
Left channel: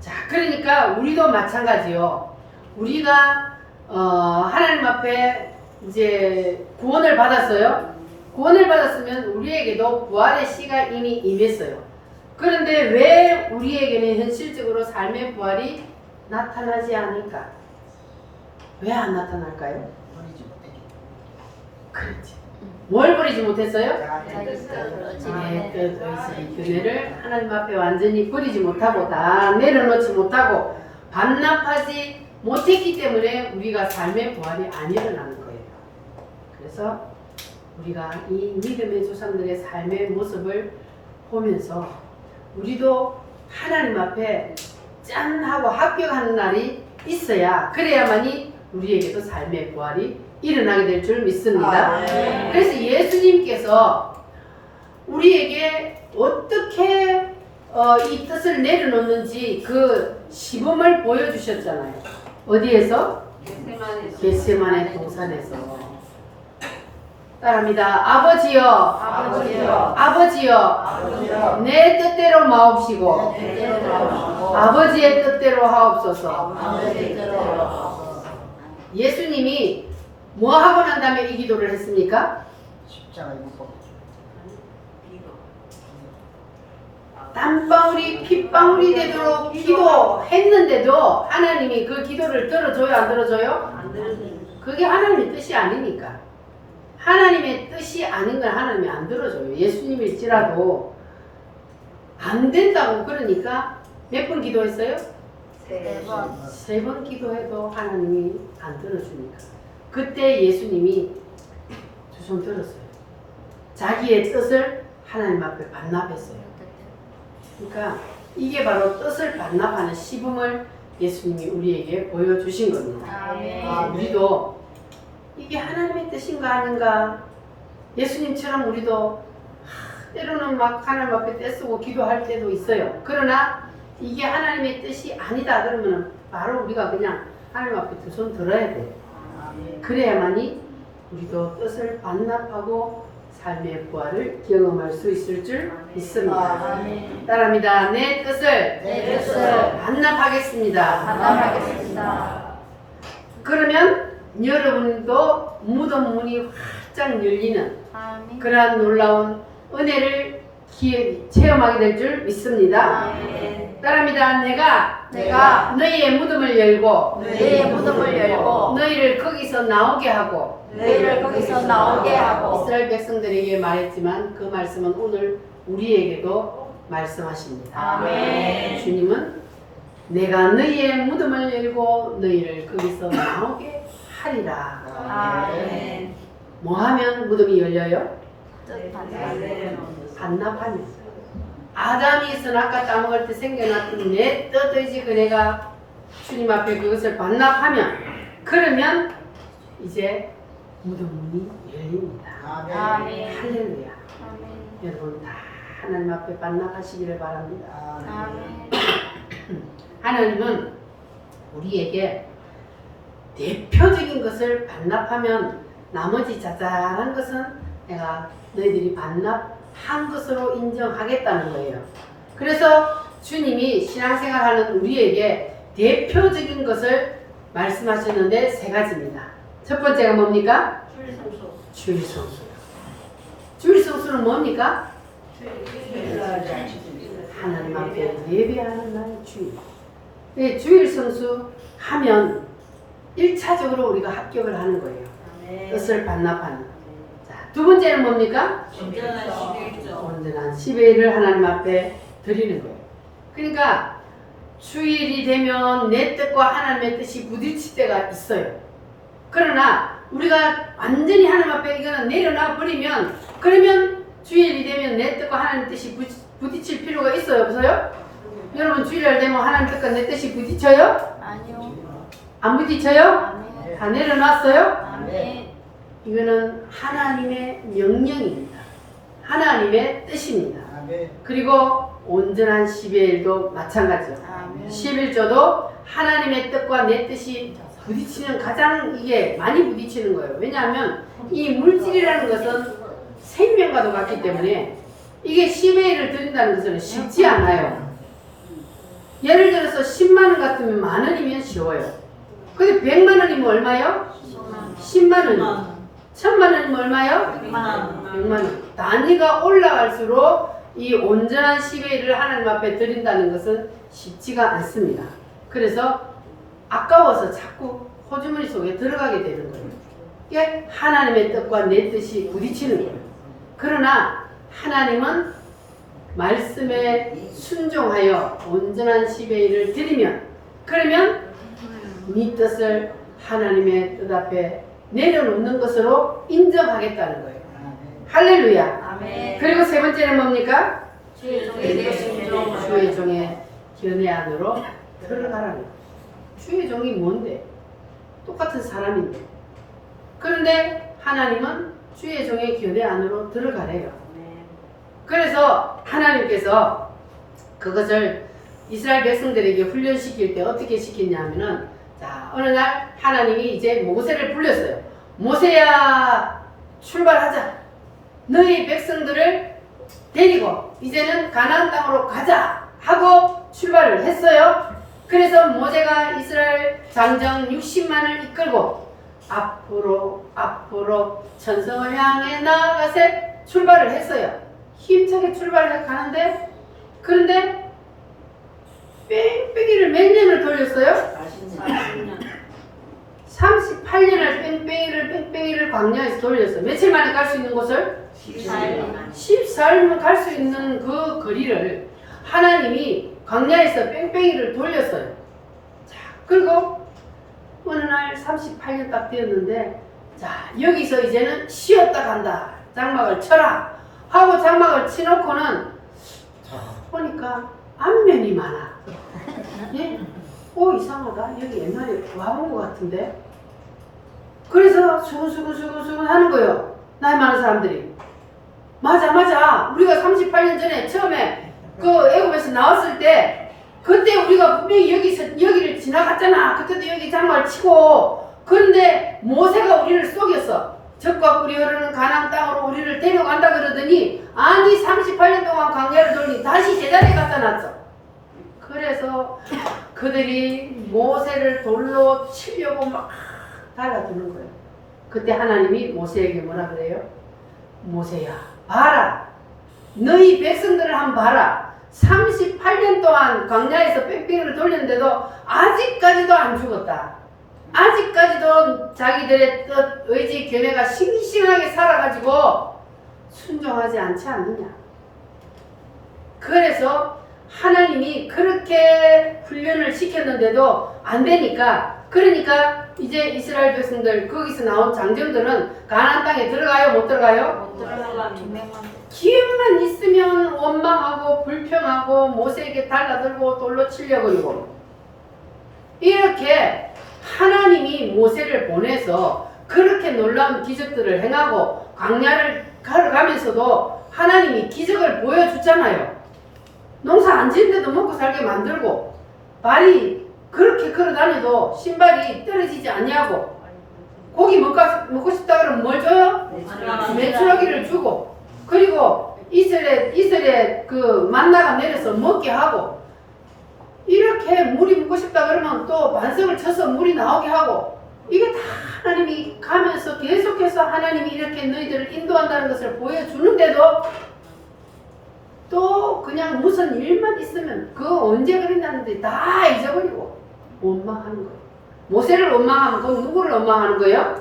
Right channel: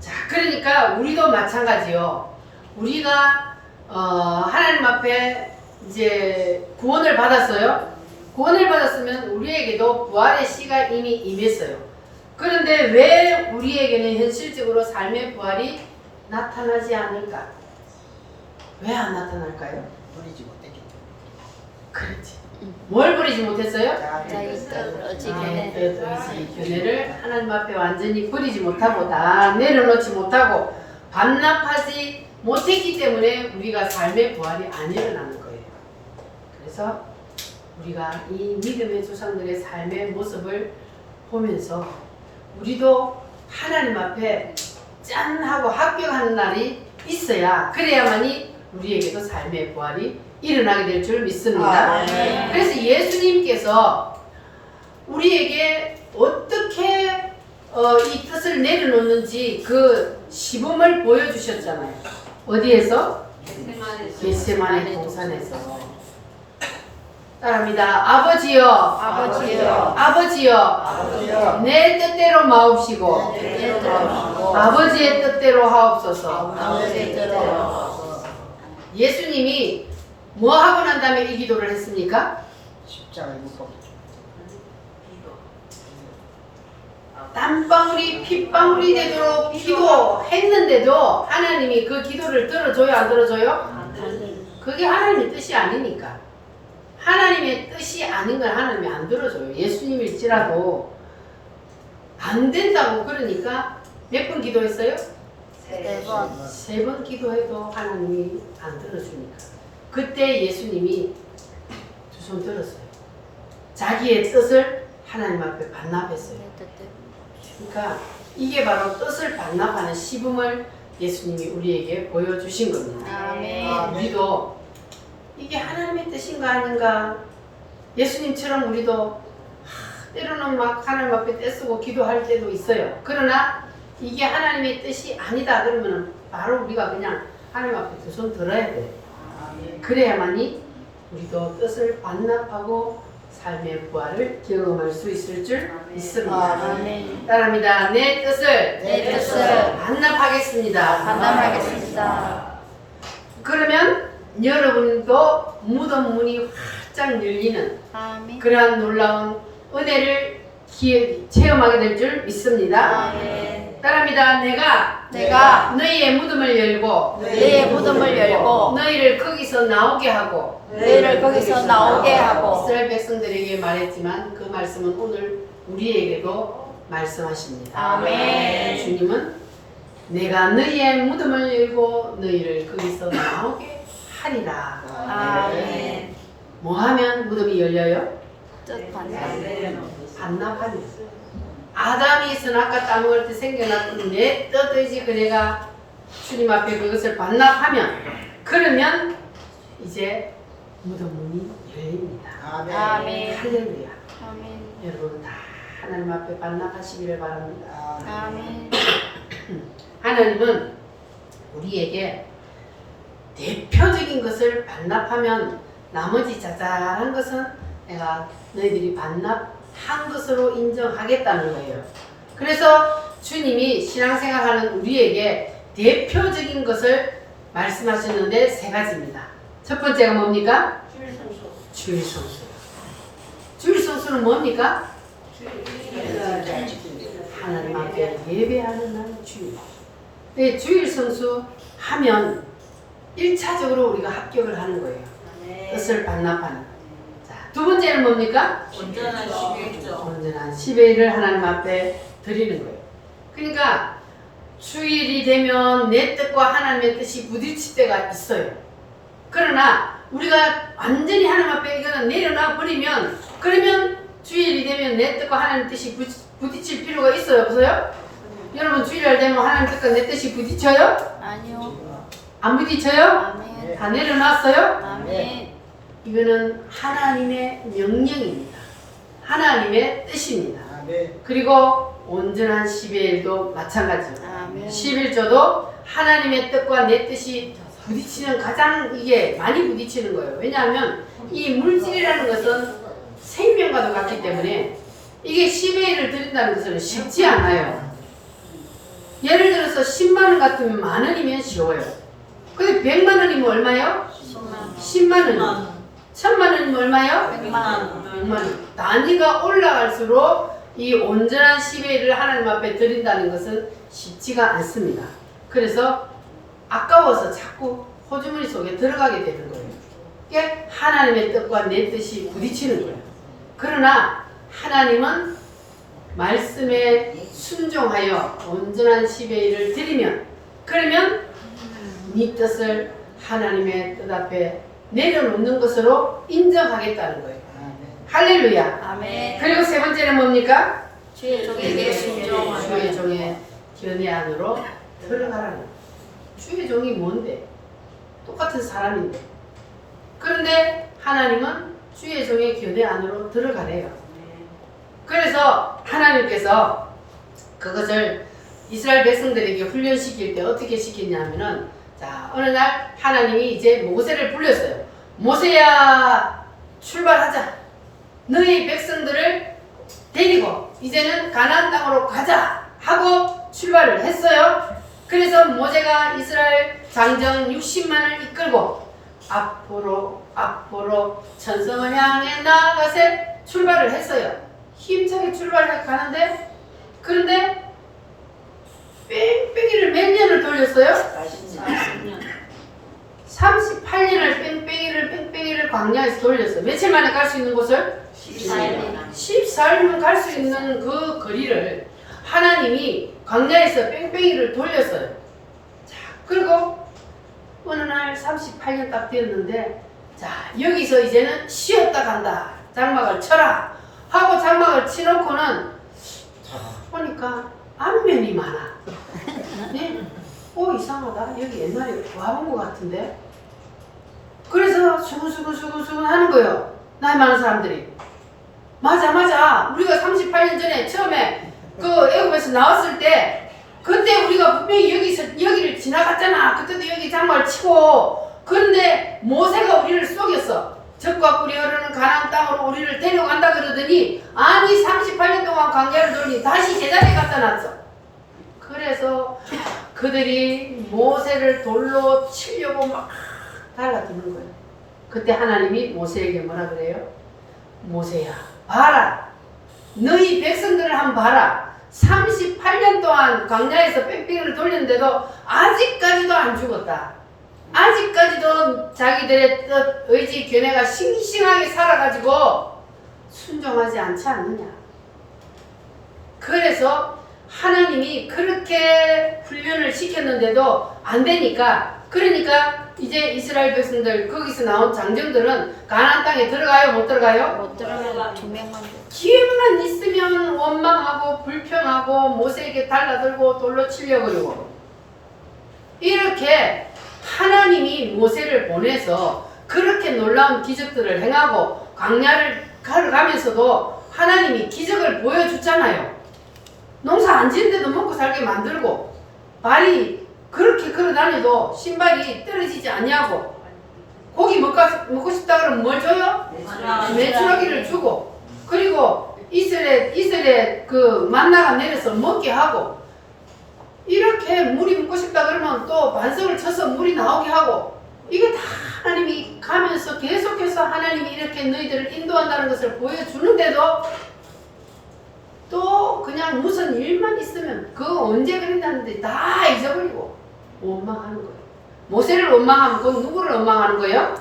자, 그러니까 우리도 마찬가지요. 우리가 하나님 앞에 이제 구원을 받았어요. 구원을 받았으면 우리에게도 부활의 시가 이미 임했어요. 그런데 왜 우리에게는 현실적으로 삶의 부활이 나타나지 않을까? 왜 안 나타날까요? 버리지 못하게 그렇지. 뭘 버리지 못했어요? 자기 뜻을 이 교회를 하나님 앞에 완전히 버리지 못하고 다 내려놓지 못하고 반납하지 못했기 때문에 우리가 삶의 부활이 안 일어나는 거예요. 그래서 우리가 이 믿음의 조상들의 삶의 모습을 보면서 우리도 하나님 앞에 짠 하고 합격하는 날이 있어야 그래야만이 우리에게도 삶의 부활이 일어나게 될 줄 믿습니다. 네. 그래서 예수님께서 우리에게 어떻게 이 뜻을 내려놓는지 그 시범을 보여주셨잖아요. 어디에서? 겟세마네 동산에서. 따라합니다. 아버지여, 아버지여, 내 뜻대로 마옵시고 아버지의 뜻대로 하옵소서. 예수님이 뭐 하고 난 다음에 이 기도를 했습니까? 십자가 있고 땀방울이 핏방울이 되도록 기도했는데도 하나님이 그 기도를 들어줘요, 안 들어줘요? 안 들어주는. 그게 하나님의 뜻이 아니니까. 하나님의 뜻이 아닌 걸 하나님이 안 들어줘요. 예수님일지라도 안 된다고 그러니까 몇 번 기도했어요? 세 번 기도해도 하나님이 안 들어주니까. 그때 예수님이 두 손 들었어요. 자기의 뜻을 하나님 앞에 반납했어요. 그러니까 이게 바로 뜻을 반납하는 시범을 예수님이 우리에게 보여주신 겁니다. 아멘. 우리도 이게 하나님의 뜻인가 아닌가? 예수님처럼 우리도 때로는 막 하나님 앞에 떼쓰고 기도할 때도 있어요. 그러나 이게 하나님의 뜻이 아니다 그러면 바로 우리가 그냥 하나님 앞에 두 손 들어야 돼. 그래야만이 우리도 뜻을 반납하고 삶의 부활을 경험할 수 있을 줄 믿습니다. 따라합니다. 내 뜻을 반납하겠습니다. 반납하겠습니다. 그러면 여러분도 무덤 문이 활짝 열리는 아멘. 그러한 놀라운 은혜를 체험하게 될 줄 믿습니다. 아멘. 따라합니다. 내가 너희의 무덤을 열고 너희의 무덤을 열고 너희를 거기서 나오게 하고 너희를 거기서 나오게 하고 이스라엘 백성들에게 말했지만 그 말씀은 오늘 우리에게도 말씀하십니다. 아멘. 주님은 내가 너희의 무덤을 열고 너희를 거기서 나오게 하리라. 아멘. 뭐 하면 무덤이 열려요? 뜻하네. 반납하면. 아담이 선악과 따먹을 때 생겨났던 내 뜻의지 그네가 주님 앞에 그것을 반납하면, 그러면 이제 무덤 문이 열립니다. 아멘. 할렐루야. 아멘. 여러분 다 하나님 앞에 반납하시기를 바랍니다. 아멘. 하나님은 우리에게 대표적인 것을 반납하면 나머지 자잘한 것은 내가 너희들이 반납한 것으로 인정하겠다는 거예요. 그래서 주님이 신앙생활하는 우리에게 대표적인 것을 말씀하시는데 세 가지입니다. 첫 번째가 뭡니까? 주일 성수요. 주일 성수는 뭡니까? 하나님 앞에 예배하는 날 주일. 네, 주일 성수 하면 1차적으로 우리가 합격을 하는 거예요. 뜻을 반납하는. 자, 두 번째는 뭡니까? 온전한 11조. 온전한 10일을 하나님 앞에 드리는 거예요. 그러니까 주일이 되면 내 뜻과 하나님의 뜻이 부딪힐 때가 있어요. 그러나 우리가 완전히 하나님 앞에 이거는 내려놔 버리면, 그러면 주일이 되면 내 뜻과 하나님의 뜻이 부딪힐 필요가 있어요, 없어요? 여러분 주일날 되면 하나님 뜻과 내 뜻이 부딪혀요? 아니요. 안 부딪혀요? 아멘. 다 내려놨어요? 아멘. 이거는 하나님의 명령입니다. 하나님의 뜻입니다. 그리고 온전한 10일도 마찬가지죠. 아멘. 11조도 하나님의 뜻과 내 뜻이 부딪히는, 가장 이게 많이 부딪히는 거예요. 왜냐하면 이 물질이라는 것은 생명과도 같기 때문에 이게 10일을 드린다는 것은 쉽지 않아요. 예를 들어서 10만 원 같으면 만 원이면 쉬워요. 근데 100만 원이면 얼마요? 10만 원. 1000만 원이면 얼마요? 100만 원. 단위가 올라갈수록 이 온전한 10일을 하나님 앞에 드린다는 것은 쉽지가 않습니다. 그래서 아까워서 자꾸 호주머니 속에 들어가게 되는 거예요. 이게 하나님의 뜻과 내 뜻이 부딪히는 거예요. 그러나 하나님은 말씀에 순종하여 온전한 10일을 드리면, 그러면 네 뜻을 하나님의 뜻 앞에 내려놓는 것으로 인정하겠다는 거예요. 할렐루야. 아멘. 그리고 세 번째는 뭡니까? 주의 종에게 순종하라. 주의 종의 견해 안으로 들어가라는 거예요. 주의 종이 뭔데? 똑같은 사람인데. 그런데 하나님은 주의 종의 견해 안으로 들어가래요. 그래서 하나님께서 그것을 이스라엘 백성들에게 훈련시킬 때 어떻게 시켰냐면은, 자, 어느 날 하나님이 이제 모세를 불렀어요. 모세야, 출발하자. 너희 백성들을 데리고 이제는 가나안 땅으로 가자 하고 출발을 했어요. 그래서 모세가 이스라엘 장정 60만을 이끌고 앞으로 천성을 향해 나아가세 출발을 했어요. 힘차게 출발해 가는데, 그런데 뺑뺑이를 몇 년을 돌렸어요? 38년을 뺑뺑이를 광야에서 돌렸어요. 며칠 만에 갈 수 있는 곳을? 14일이면 갈 수 있는 그 거리를 하나님이 광야에서 뺑뺑이를 돌렸어요. 자, 그리고 어느 날 38년 딱 되었는데, 자, 여기서 이제는 쉬었다 간다. 장막을 쳐라 하고 장막을 치놓고는 보니까 안면이 많아. 네? 이상하다. 여기 옛날에 와본 것 같은데. 그래서 수근수근 하는 거예요. 나이 많은 사람들이. 맞아. 우리가 38년 전에 처음에 그 애굽에서 나왔을 때, 그때 우리가 분명히 여기를 지나갔잖아. 그때도 여기 장막을 치고. 그런데 모세가 우리를 속였어. 적과 꿀이 흐르는 가나안 땅으로 우리를 데려간다 그러더니, 아니 38년 동안 광야를 돌니 다시 제자리에 갖다 놨어. 그래서 그들이 모세를 돌로 치려고 막 달라드는 거예요. 그때 하나님이 모세에게 뭐라 그래요? 모세야, 봐라. 너희 백성들을 한번 봐라. 38년 동안 광야에서 뺑뺑이를 돌렸는데도 아직까지도 안 죽었다. 아직까지도 자기들의 뜻, 의지, 견해가 싱싱하게 살아가지고 순종하지 않지 않느냐. 그래서 하나님이 그렇게 훈련을 시켰는데도 안 되니까, 그러니까 이제 이스라엘 백성들, 거기서 나온 장정들은 가나안 땅에 들어가요, 못 들어가요? 못 들어가. 두 명만. 기회만 있으면 원망하고 불평하고 모세에게 달라들고 돌로 치려고 그러고, 이렇게 하나님이 모세를 보내서 그렇게 놀라운 기적들을 행하고 광야를 걸어가면서도 하나님이 기적을 보여주잖아요. 농사 안 지는데도 먹고 살게 만들고, 발이 그렇게 걸어다녀도 신발이 떨어지지 않냐고, 고기 먹고 싶다 그러면 뭘 줘요? 메추라기를 주고, 그리고 이슬에 그 만나가 내려서 먹게 하고, 이렇게 물이 먹고 싶다 그러면 또 반석을 쳐서 물이 나오게 하고, 이게 다 하나님이 가면서 계속해서 하나님이 이렇게 너희들을 인도한다는 것을 보여주는데도 또 그냥 무슨 일만 있으면 그거 언제 그랬는데 다 잊어버리고 원망하는 거예요. 모세를 원망하면 그건 누구를 원망하는 거예요?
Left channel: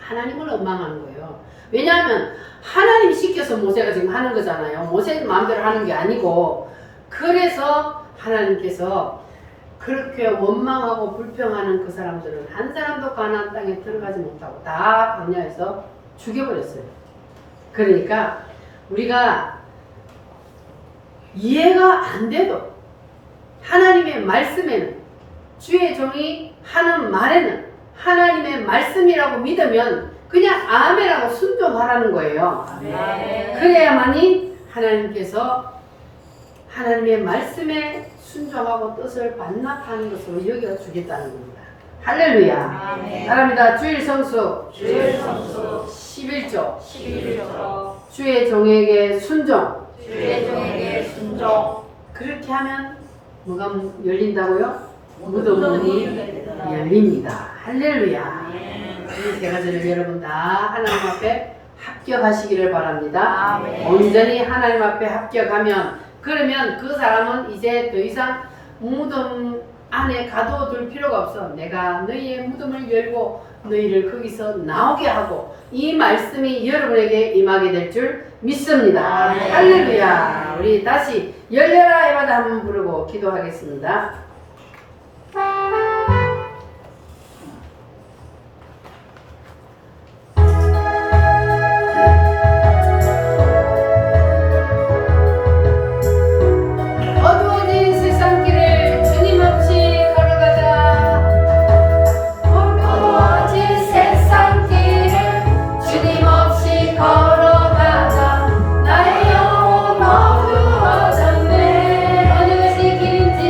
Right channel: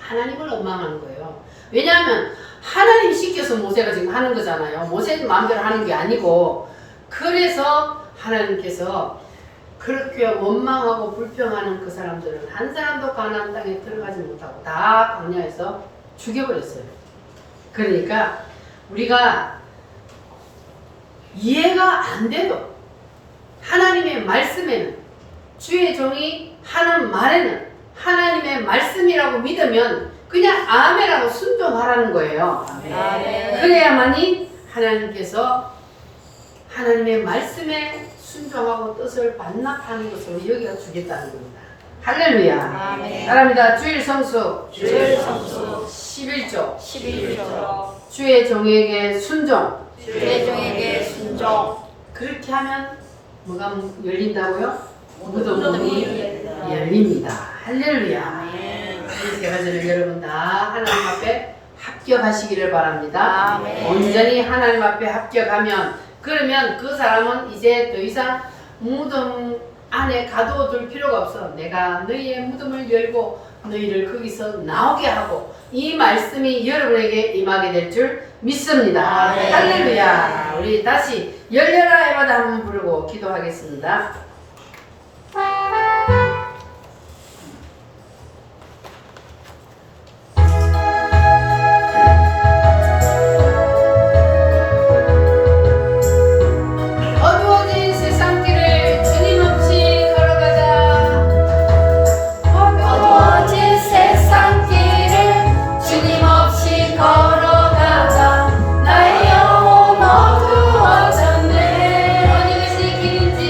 하나님을 원망하는 거예요. 왜냐하면 하나님이 시켜서 모세가 지금 하는 거잖아요. 모세 마음대로 하는 게 아니고. 그래서 하나님께서 그렇게 원망하고 불평하는 그 사람들은 한 사람도 가나안 땅에 들어가지 못하고 다 광야에서 죽여버렸어요. 그러니까 우리가 이해가 안 돼도 하나님의 말씀에는, 주의 종이 하는 말에는 하나님의 말씀이라고 믿으면 그냥 아멘하고 순종하라는 거예요. 그래야만이 하나님께서 하나님의 말씀에 순종하고 뜻을 반납하는 것으로 여기가 주겠다는 겁니다. 할렐루야. 따라합니다. 주일 성수 11조 주의 종에게 순종. 주의 종에게 순종. 그렇게 하면 뭐가 열린다고요? 무덤 문이 열립니다. 할렐루야. 이 세 가지를 여러분 다 하나님 앞에 합격하시기를 바랍니다. 온전히 하나님 앞에 합격하면, 그러면 그 사람은 이제 더 이상 무덤 안에 가둬둘 필요가 없어. 내가 너희의 무덤을 열고 너희를 거기서 나오게 하고 이 말씀이 여러분에게 임하게 될 줄 믿습니다. 할렐루야. 우리 다시 열려라 해마다 한번 부르고 기도하겠습니다. 어두워진 세상길을 주님 없이 걸어가자. 어두워진 세상길을 주님 없이 걸어가자. 나의 영혼 어두워졌네. 어느 것이 길인지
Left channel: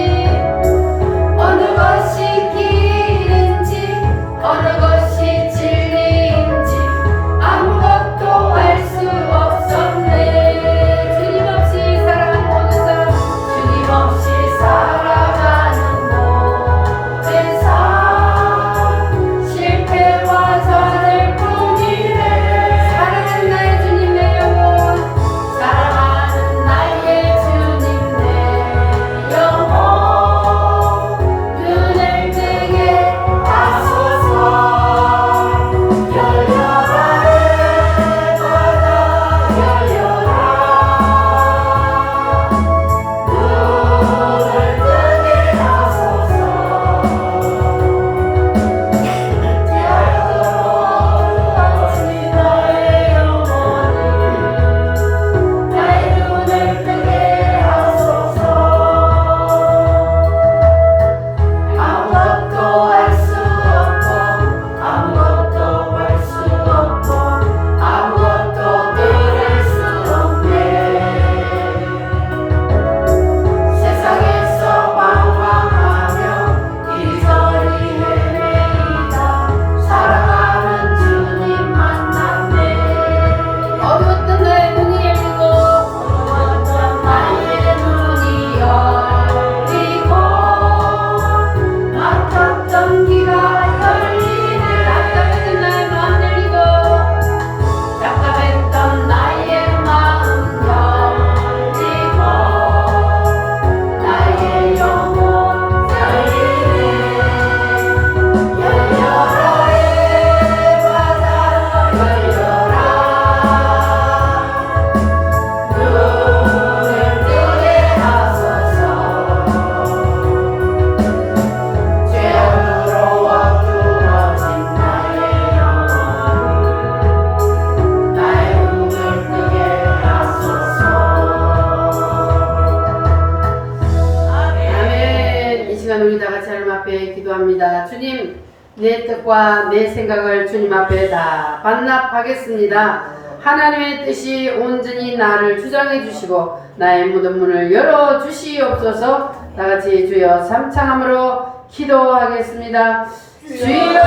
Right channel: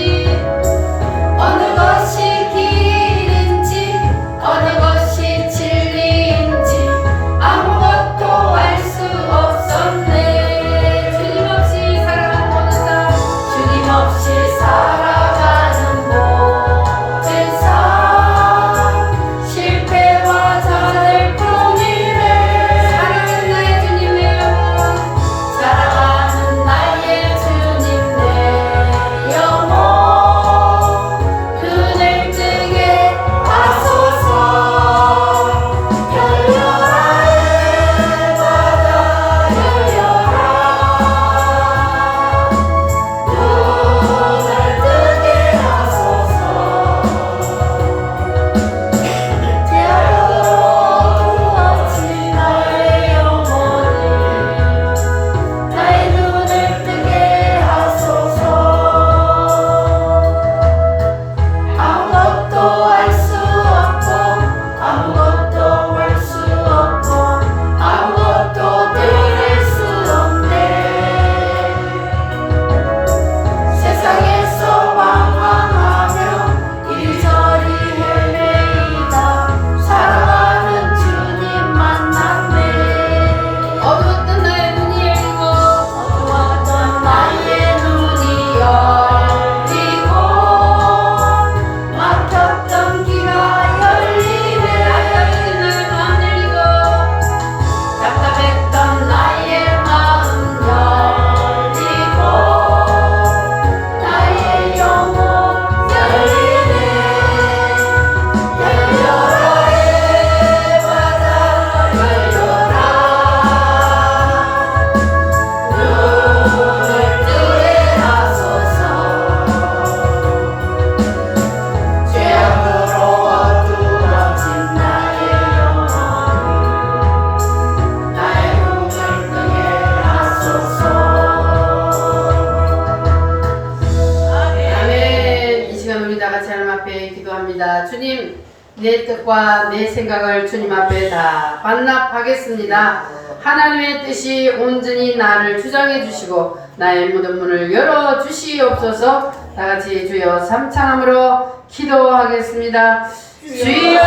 기도합니다. 주님, 내 뜻과 내 생각을 주님 앞에 다 반납하겠습니다. 하나님의 뜻이 온전히 나를 주장해 주시고 나의 모든 문을 열어 주시옵소서. 다 같이 주여 삼창함으로 기도하겠습니다. 주여